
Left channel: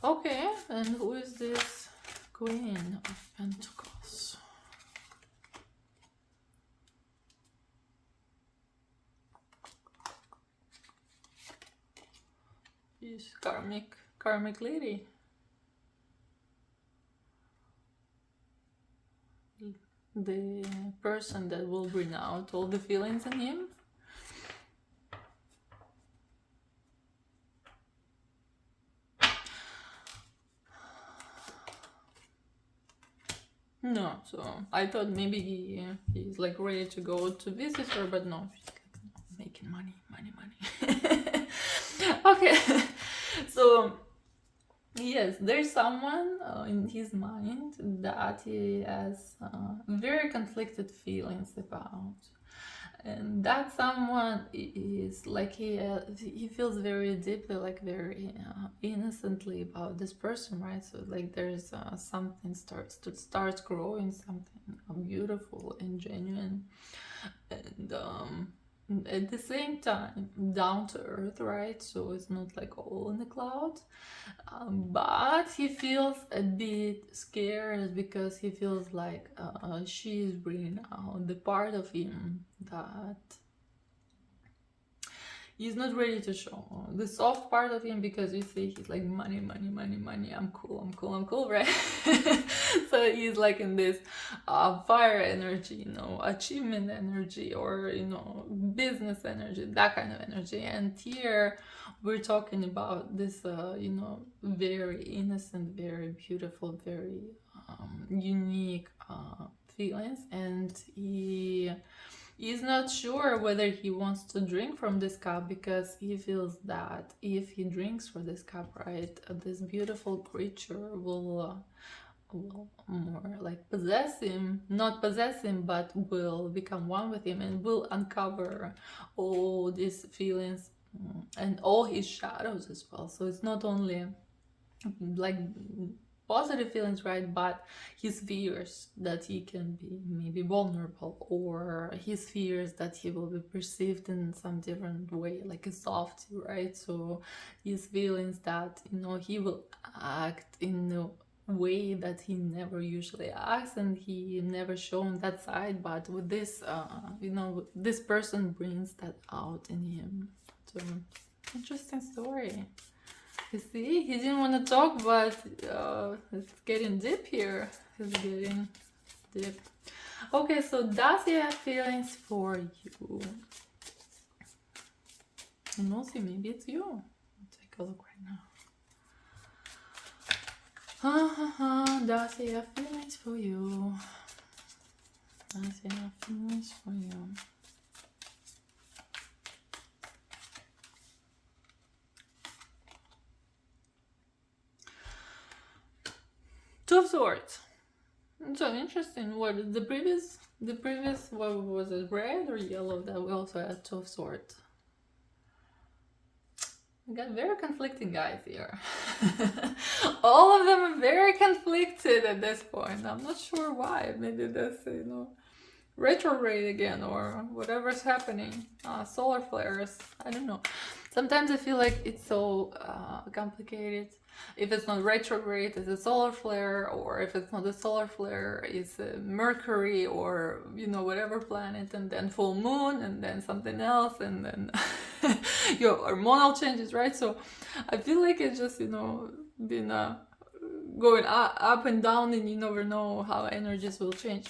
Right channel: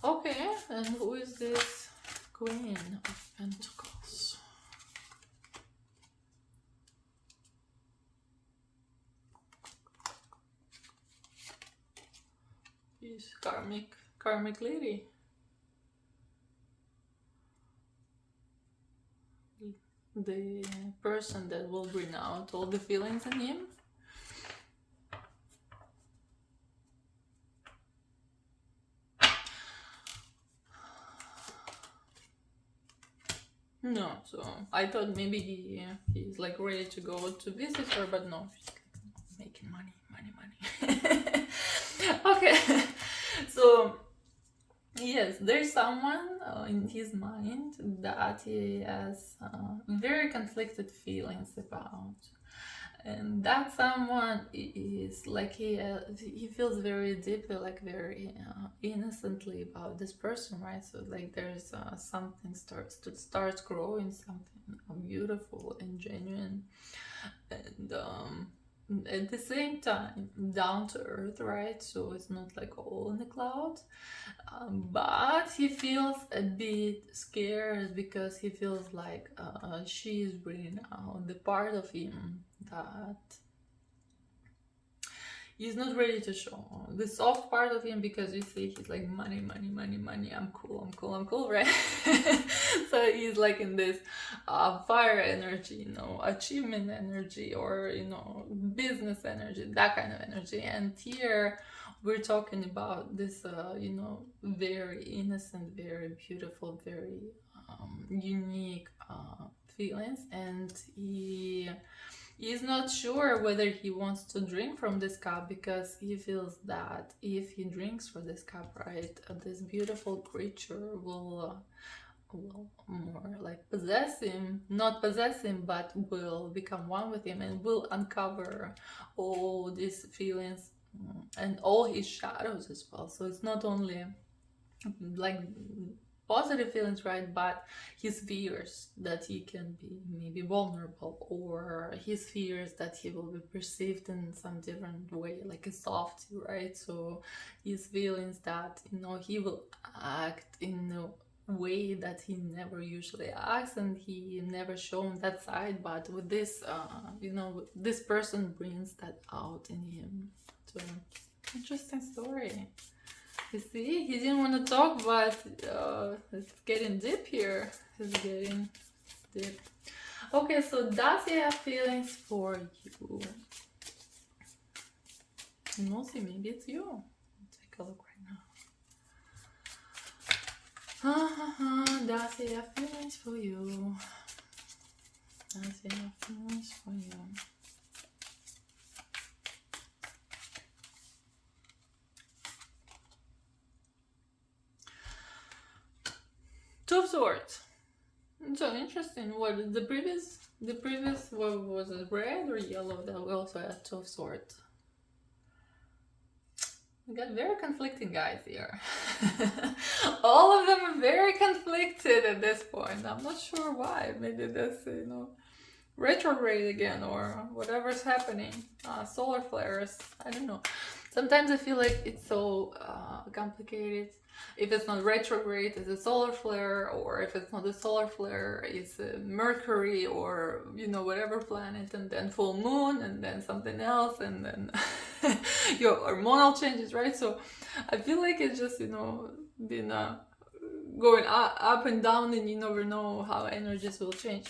Okay, and who is this Queen of Pentacles? She's karmic lady. The person that will bring out all the feelings in him. No, so I thought maybe he's like ready to go to visit her, but no, she's like making money. Okay, so yes, there's someone in his mind that he has very conflicted feelings about, and that someone is like he feels very deeply, like very innocently about this person, right? So like there's something starts growing, something beautiful and genuine, and at the same time down to earth, right? So it's not like all in the clouds, but he feels a bit scared because he feels like she's bringing out the part of him that he's not ready to show, the soft part of him, because you see he's like money, I'm cool, right? So he's like in this fire energy, achievement energy, or business energy, that kind of energy. And here we're talking about this very innocent, very beautiful, very unique feelings, and he He's not sure whether he wants to drink from this cup, because he feels that if he drinks from this cup, right, this beautiful creature will more like possess him, not possess him, but will become one with him and will uncover all these feelings, and all his shadows as well. So it's not only like positive feelings, right, but his fears that he can be maybe vulnerable, or his fears that he will be perceived in some different way, like a softie, right? So his feelings that, you know, he will act in a way that he never usually acts, and he never shown that side, but with this you know, this person brings that out in him. So interesting story. You see, he didn't want to talk, but it's getting deep here. It's getting deep. Okay, so does he have feelings for you? And we'll see, maybe it's you. Take a look right now. Does he have feelings for you? Does he have feelings for you? Two of Swords. So interesting. What the previous what was it, red or yellow? That we also had Two of Swords. We got very conflicting guys here. All of them are very conflicted at this point. I'm not sure why. Maybe that's, you know, retrograde again, or whatever's happening. Solar flares. I don't know. Sometimes I feel like it's so complicated. If it's not retrograde, it's a solar flare, or if it's not a solar flare, it's a Mercury, or, you know, whatever planet, and then full moon, and then something else, and then your hormonal changes, right? So I feel like it's just, you know, been going up and down, and you never know how energies will change.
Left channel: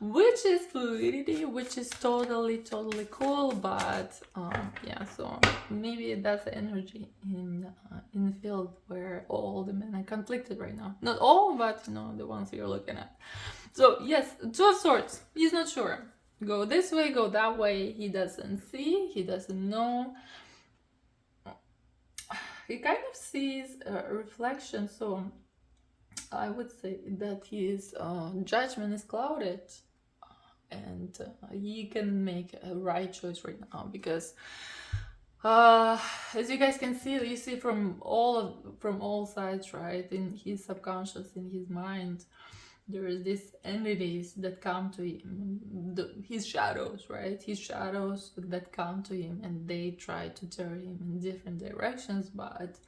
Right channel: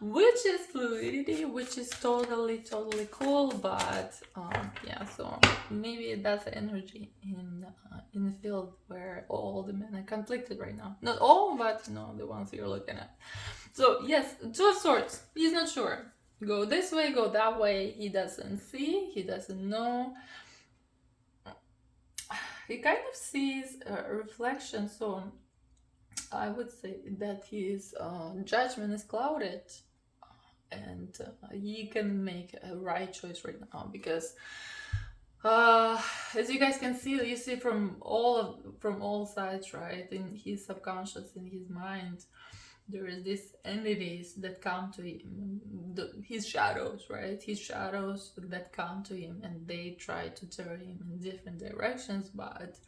Which is fluidity, which is totally cool, but yeah, so maybe that's the energy in the field where all the men are conflicted right now. Not all, but, you know, the ones you're looking at. So yes, Two of Swords. He's not sure. Go this way, go that way. He doesn't see. He doesn't know. He kind of sees a reflection. So I would say that his judgment is clouded, and he can make a right choice right now, because as you guys can see, you see from all sides, right, in his subconscious, in his mind, there is these entities that come to him, his shadows, right, his shadows that come to him, and they try to turn him in different directions, but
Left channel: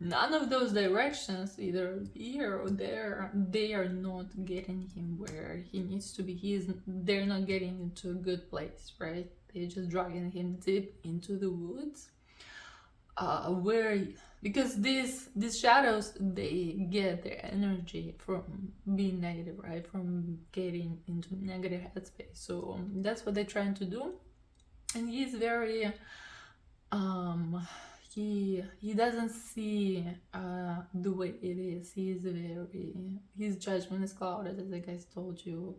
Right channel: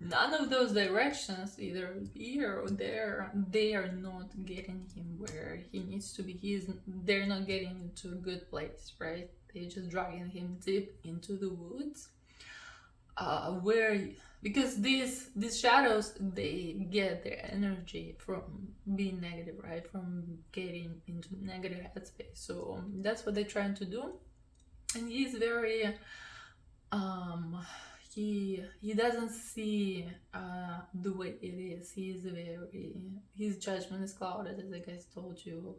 none of those directions, either here or there, they are not getting him where he needs to be. They're not getting into a good place, right? They're just dragging him deep into the woods, because these shadows, they get their energy from being negative, right? From getting into negative headspace. So that's what they're trying to do, and he's very he doesn't see the way it is. His judgment is clouded, as I guys told you.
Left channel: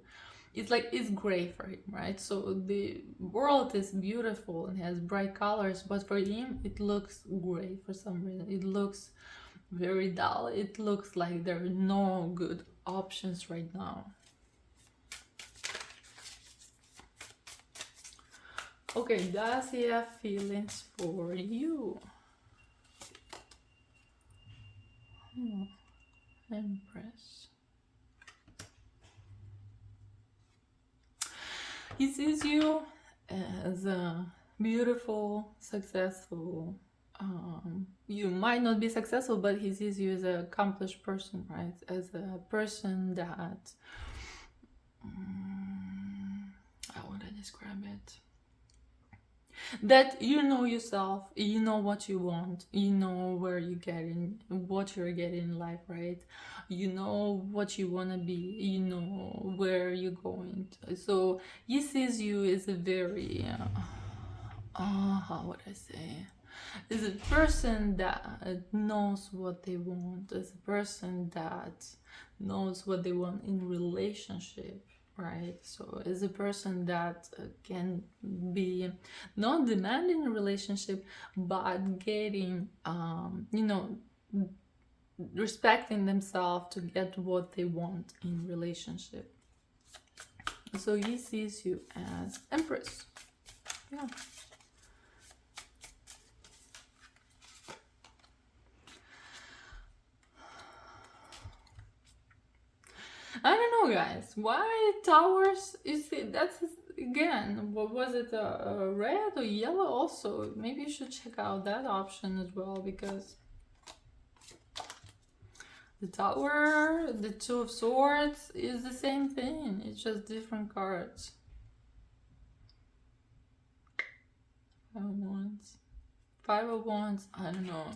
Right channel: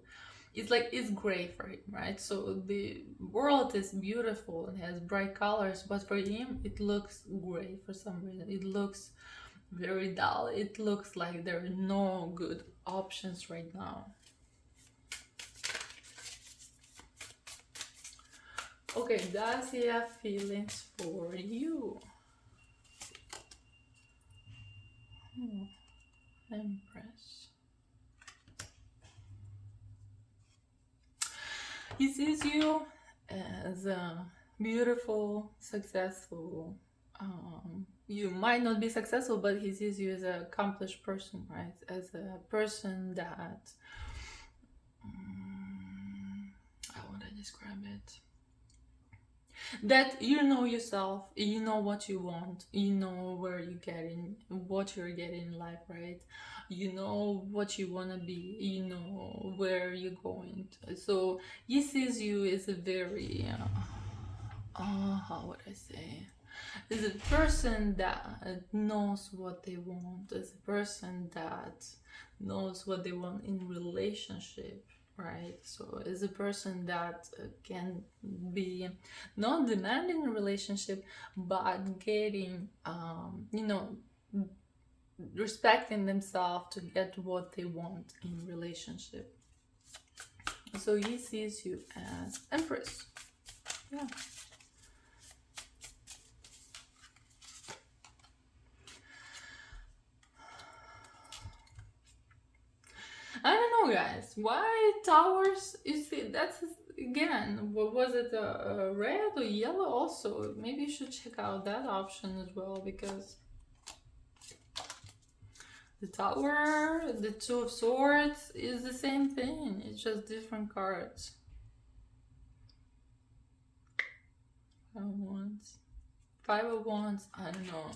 It's like, it's gray for him, right? So the world is beautiful and has bright colors, but for him it looks gray for some reason. It looks very dull. It looks like there are no good options right now. Okay, does he have feelings for you? Empress. He sees you as a beautiful, successful. You might not be successful, but he sees you as an accomplished person, right? As a person that, how would I describe it? That you know yourself, you know what you want, you know where you're getting, what you're getting in life, right? You know what you want to be, you know where you're going to. So he sees you as a very how would I say, is a person that knows what they want, as a person that knows what they want in relationship. right? So is a person that can be not demanding a relationship, but getting, respecting themselves to get what they want in relationship. So he sees you as Empress. Yeah. I don't know, guys. Why towers? You see, that's again. What was it? A red or yellow? Also, maybe you should check out that option as well, because the tower, the two of swords is the same thing. It's just different cards. Five of wands. I don't know.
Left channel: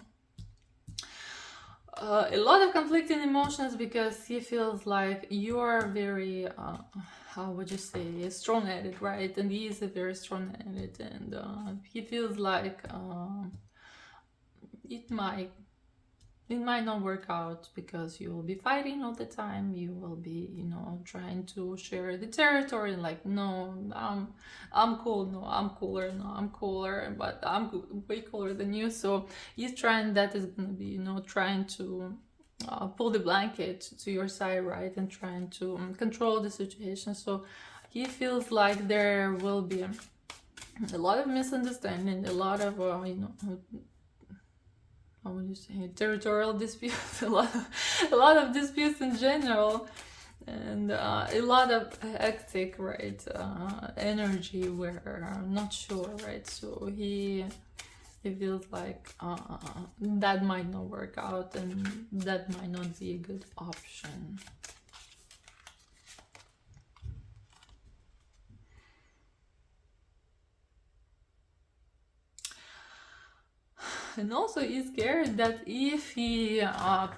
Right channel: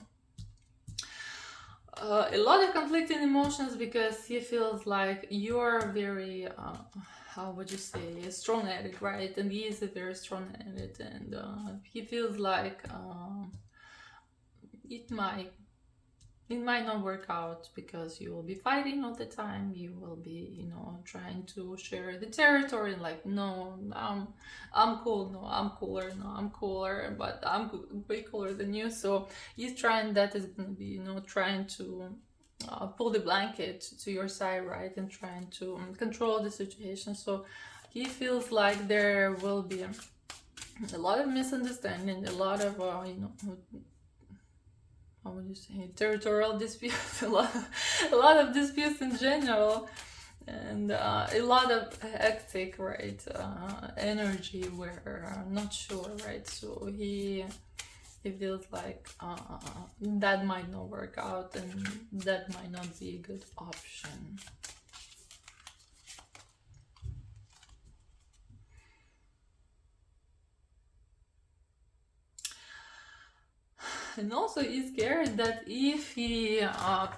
A lot of conflicting emotions, because he feels like you're very, how would you say, strong-headed, right? And he is a very strong-headed, and he feels like it might not work out, because you will be fighting all the time. You will be, trying to share the territory, like, no, I'm cool, no, I'm cooler, no, I'm cooler, but I'm way cooler than you. So he's trying, that is gonna be, trying to pull the blanket to your side, right? And trying to control the situation. So he feels like there will be a lot of misunderstanding, a lot of, how would you say, territorial disputes, a lot of disputes in general, and a lot of hectic, right, energy where I'm not sure, right? So he feels like that might not work out, and that might not be a good option. And also he's scared that if he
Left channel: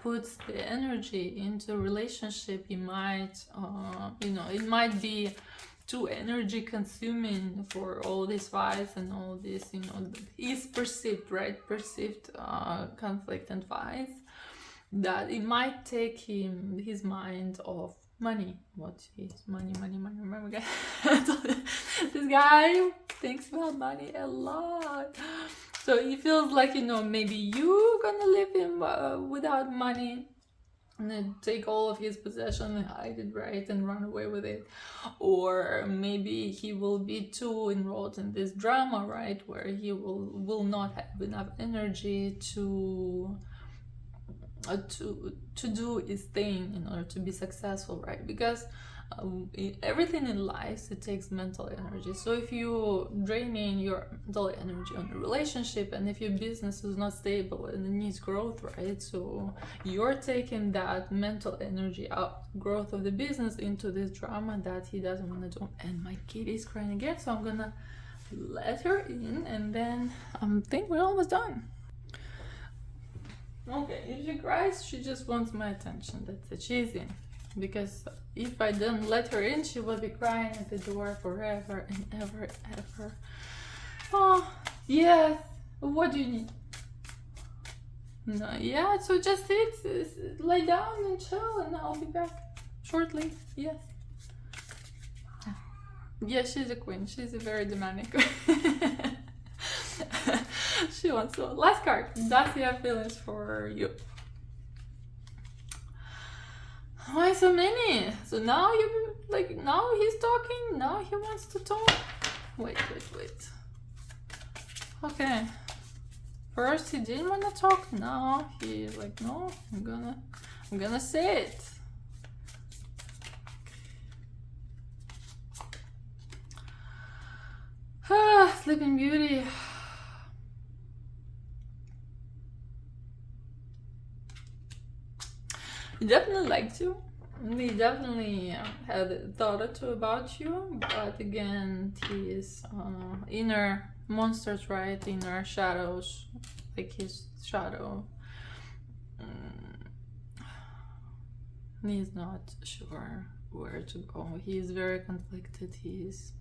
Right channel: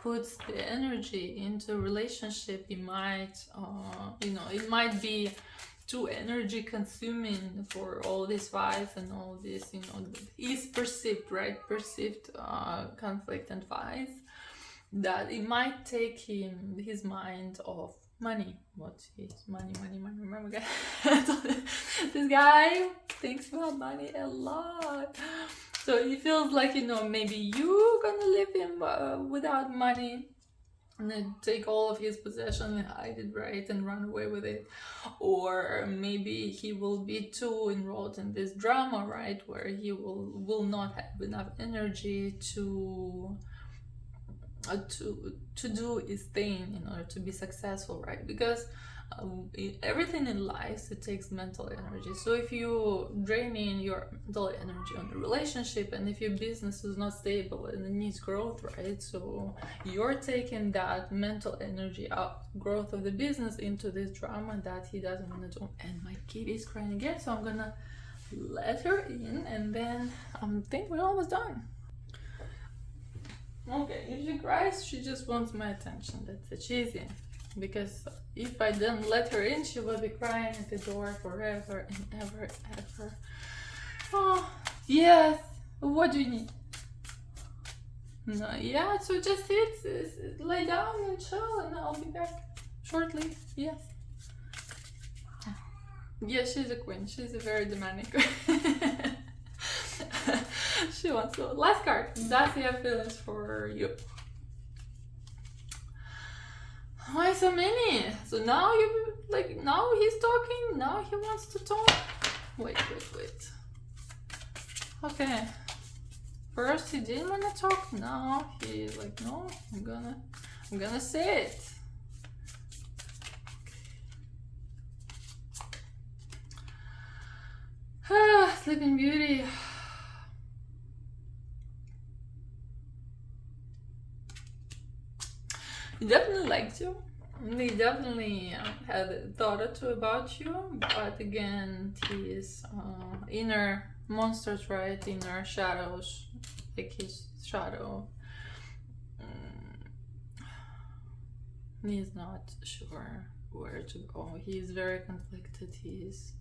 puts the energy into a relationship, he might, it might be too energy consuming for all these fights and all this, is perceived, right? Perceived conflict and fights, that it might take his mind off money. What is money? Remember, guys? This guy thinks about money a lot. So he feels like, maybe you gonna leave him without money, and then take all of his possession and hide it, right, and run away with it. Or maybe he will be too enrolled in this drama, right, where he will not have enough energy to do his thing in order to be successful, right? Because everything in life, it takes mental energy. So if you draining your mental energy on the relationship, and if your business is not stable and it needs growth, right, so you're taking that mental energy up, growth of the business, into this drama that he doesn't want to do. And my kitty is crying again, so I'm gonna let her in, and then I think we're almost done. Okay, if she cries, she just wants my attention. That's it. She's in. Because if I didn't let her in, she would be crying at the door forever and ever. Oh, yes. What do you need? No, yeah, so just sit, lay down and chill, and I'll be back shortly. Yes. Yeah, she's a queen. She's a very demanding queen. She wants to. Last card. Does he have feelings for you? Why so many? So now now he's talking. Now he wants to talk. Wait. Okay. First he didn't want to talk. Now he's like, no, I'm gonna say it. Sleeping Beauty. He definitely liked you. He definitely had a thought or two about you, but again, his inner monsters, right? Inner shadows, like his shadow. He's not sure where to go. He's very conflicted. He's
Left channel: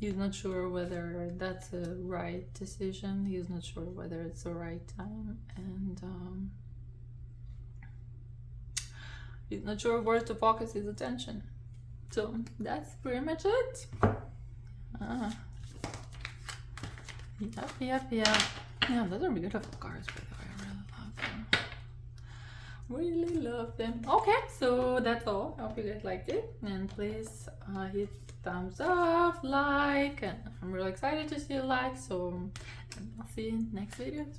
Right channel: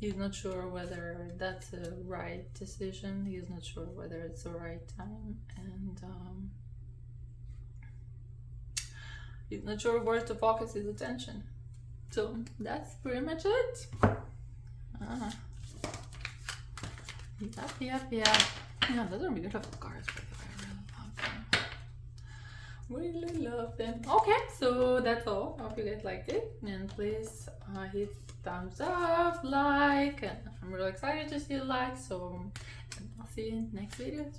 not sure whether that's a right decision. He's not sure whether it's the right time, and he's not sure where to focus his attention. So that's pretty much it. Yep. Yeah, those are beautiful cards, by the way. I really love them. Okay, so that's all. I hope you guys liked it, and please hit thumbs up, like, and I'm really excited to see the likes. So I'll see you in next videos.